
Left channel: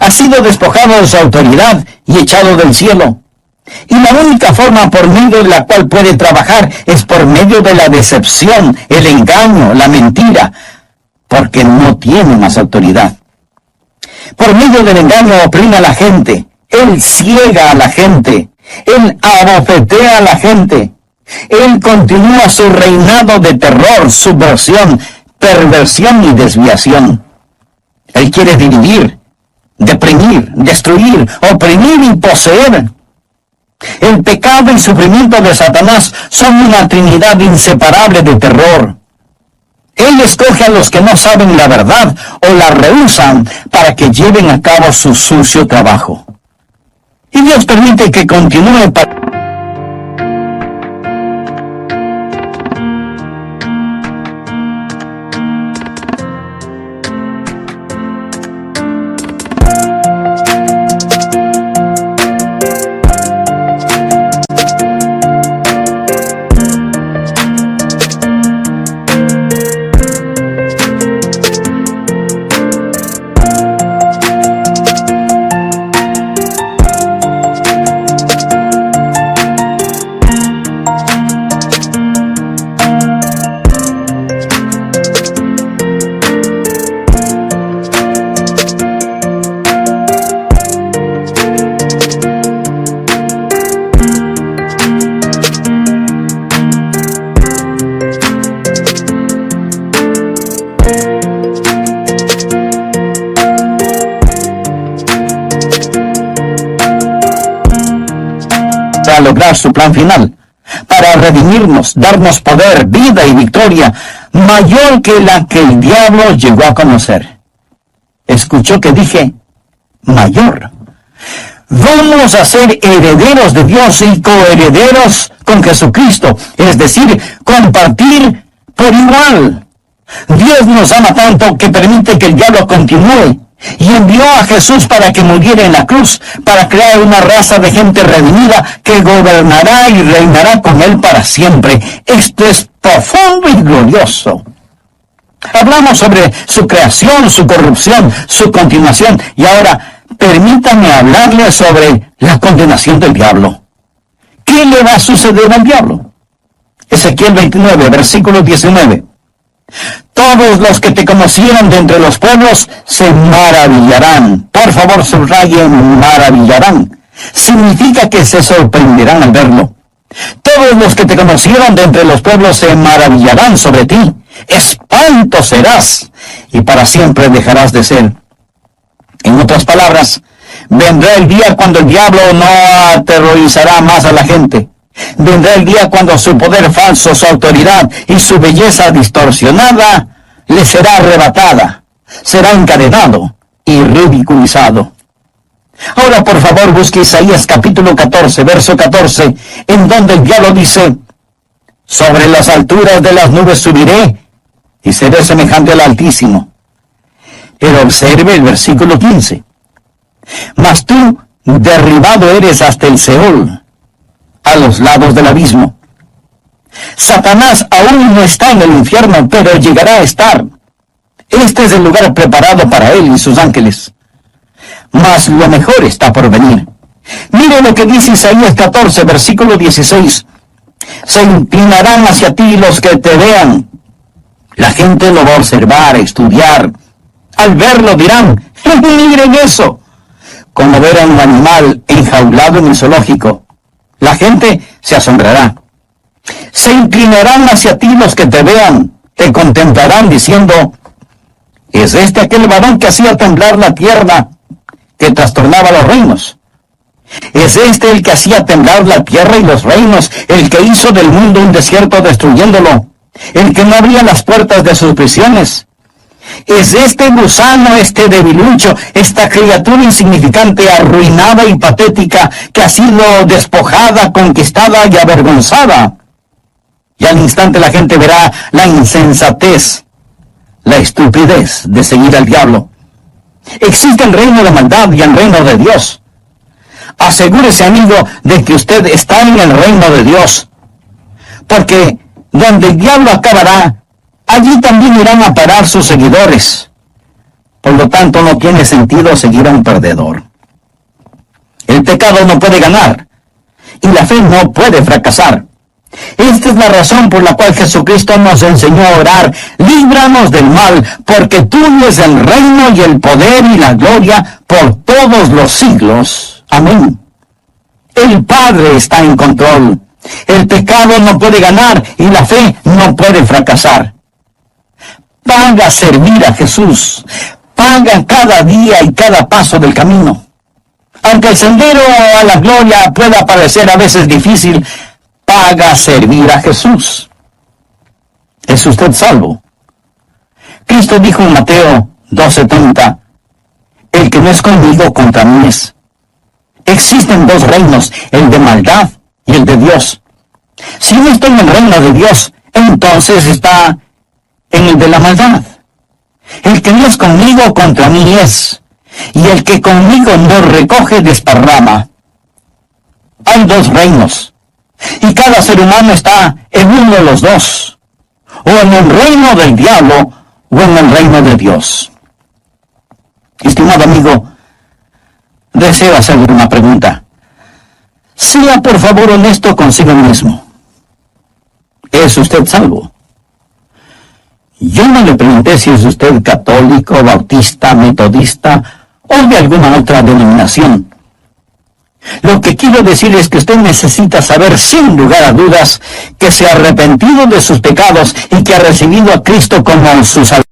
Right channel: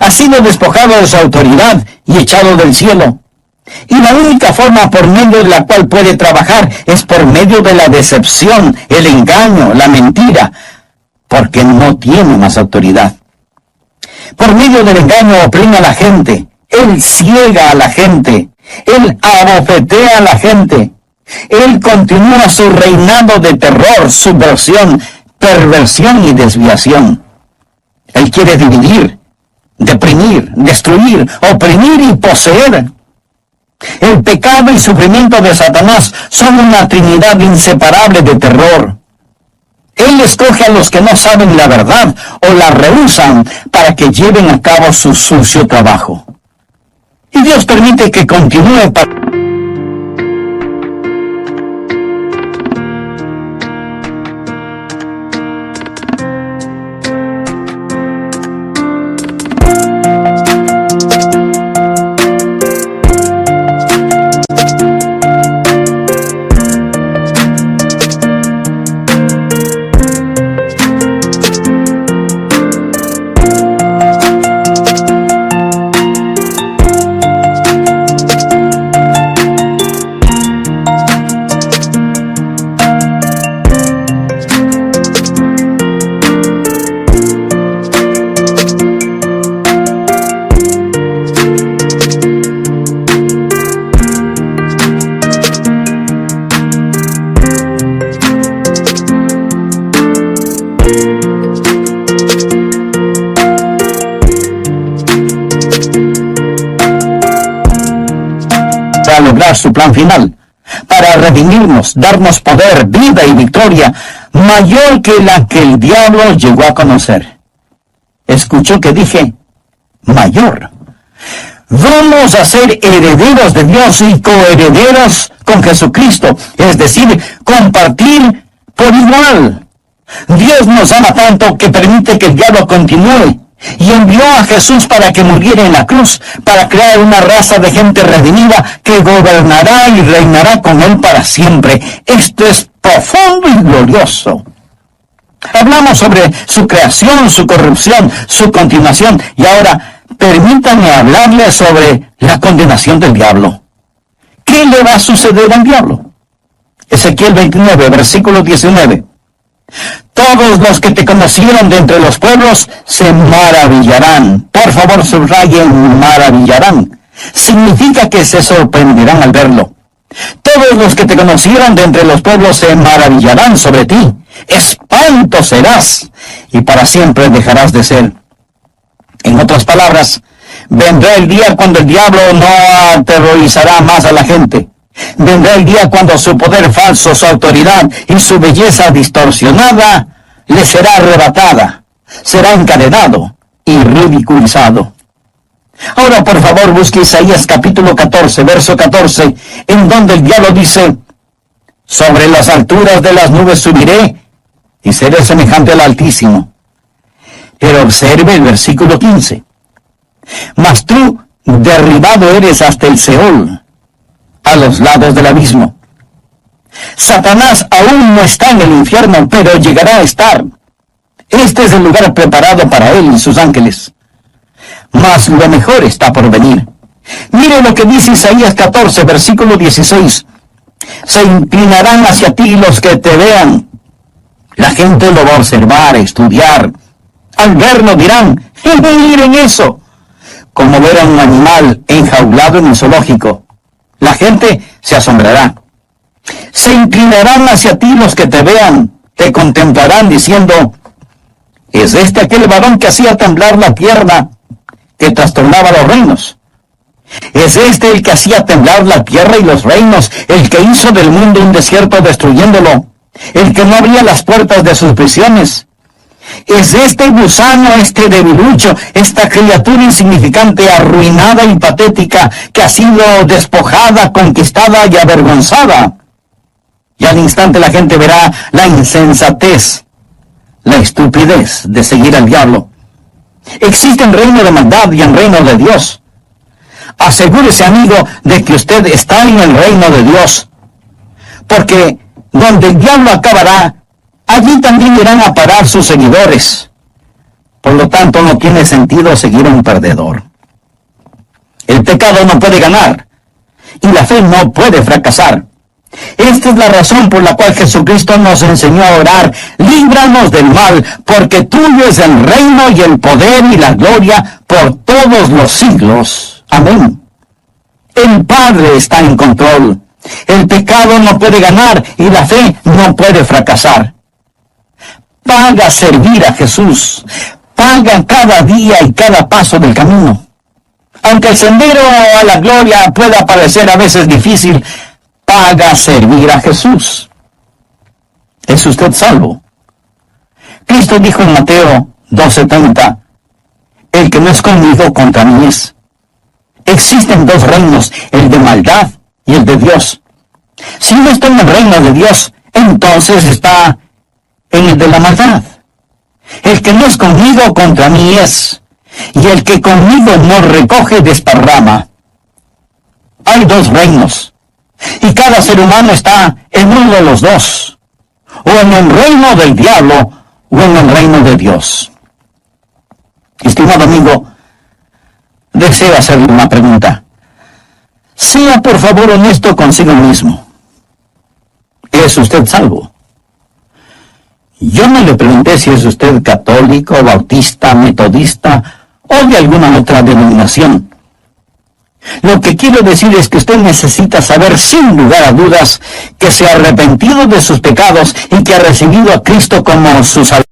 Ha sido despojado de su autoridad y echado del cielo. Y la única forma por medio de la cual puede trabajar es por medio de la decepción, el engaño, la mentira, porque no tiene más autoridad. Por medio del engaño oprime a la gente, Él ciega a la gente, Él abofetea a la gente, Él continúa su reinado de terror, subversión, perversión y desviación. Él quiere dividir, deprimir, destruir, oprimir y poseer. El pecado y sufrimiento de Satanás son una trinidad inseparable de terror. Él escoge a los que no saben la verdad o la rehúsan para que lleven a cabo su sucio trabajo. Y Dios permite que continúe para... lograr su plan final, para redimirnos, darnos poder, vida y victoria, mayor que la que el diablo llegó a conocer. Escuchó que dije, mayor. Vamos a ser herederos de Dios y coherederos con Jesucristo, es decir, compartir por igual. Dios nos ama tanto que permite que el diablo continúe y envió a Jesús para que muriera en la cruz, para crear una raza de gente redimida que gobernará y reinará con Él para siempre. Esto es profundo y glorioso. Hablamos sobre su creación, su corrupción, su continuación, y ahora permítame hablarle sobre la condenación del diablo. ¿Qué le va a suceder al diablo? Ezequiel 29, versículo 19. Todos los que te conocieron de entre los pueblos se maravillarán. Por favor, subrayen maravillarán. Significa que se sorprenderán al verlo. Todos los que te conocieron de entre los pueblos se maravillarán sobre ti. Espanto serás, y para siempre dejarás de ser. En otras palabras, vendrá el día cuando el diablo no aterrorizará más a la gente. Vendrá el día cuando su poder falso, su autoridad y su belleza distorsionada le será arrebatada. Será encadenado y ridiculizado. Ahora, por favor, busque Isaías capítulo 14, verso 14, en donde el diablo dice: sobre las alturas de las nubes subiré y seré semejante al Altísimo. Pero observe el versículo 15. Mas tú derribado eres hasta el Seol, a los lados del abismo. Satanás aún no está en el infierno, pero llegará a estar. Este es el lugar preparado para él y sus ángeles. Mas lo mejor está por venir. Mire lo que dice Isaías 14, versículo 16. Se inclinarán hacia ti los que te vean. La gente lo va a observar, a estudiar. Al verlo dirán: miren eso. Como ver a un animal enjaulado en el zoológico. La gente se asombrará. Se inclinarán hacia ti los que te vean, te contemplarán diciendo: ¿es este aquel varón que hacía temblar la tierra, que trastornaba los reinos? ¿Es este el que hacía temblar la tierra y los reinos, el que hizo del mundo un desierto destruyéndolo, el que no abría las puertas de sus prisiones? ¿Es este gusano, este debilucho, esta criatura insignificante, arruinada y patética, que ha sido despojada, conquistada y avergonzada? Y al instante la gente verá la insensatez, la estupidez de seguir al diablo. Existe un reino de maldad y un reino de Dios. Asegúrese, amigo, de que usted está en el reino de Dios, porque donde el diablo acabará, allí también irán a parar sus seguidores. Por lo tanto, no tiene sentido seguir a un perdedor. El pecado no puede ganar, y la fe no puede fracasar. Esta es la razón por la cual Jesucristo nos enseñó a orar: líbranos del mal, porque tuyo es el reino y el poder y la gloria por todos los siglos. Amén. El Padre está en control. El pecado no puede ganar y la fe no puede fracasar. Paga servir a Jesús. Paga cada día y cada paso del camino. Aunque el sendero a la gloria pueda parecer a veces difícil, paga servir a Jesús. ¿Es usted salvo? Cristo dijo en Mateo 12:30, el que no es conmigo, contra mí es. Existen dos reinos, el de maldad y el de Dios. Si no está en el reino de Dios, entonces está en el de la maldad. El que no es conmigo, contra mí es. Y el que conmigo no recoge, desparrama. Hay dos reinos. Y cada ser humano está en uno de los dos, o en el reino del diablo, o en el reino de Dios. Estimado amigo, deseo hacerle una pregunta. Sea por favor honesto consigo mismo. ¿Es usted salvo? Yo no le pregunté si es usted católico, bautista, metodista o de alguna otra denominación. Lo que quiero decir es que usted necesita saber sin lugar a dudas que se ha arrepentido de sus pecados y que ha recibido a Cristo como su Salvador.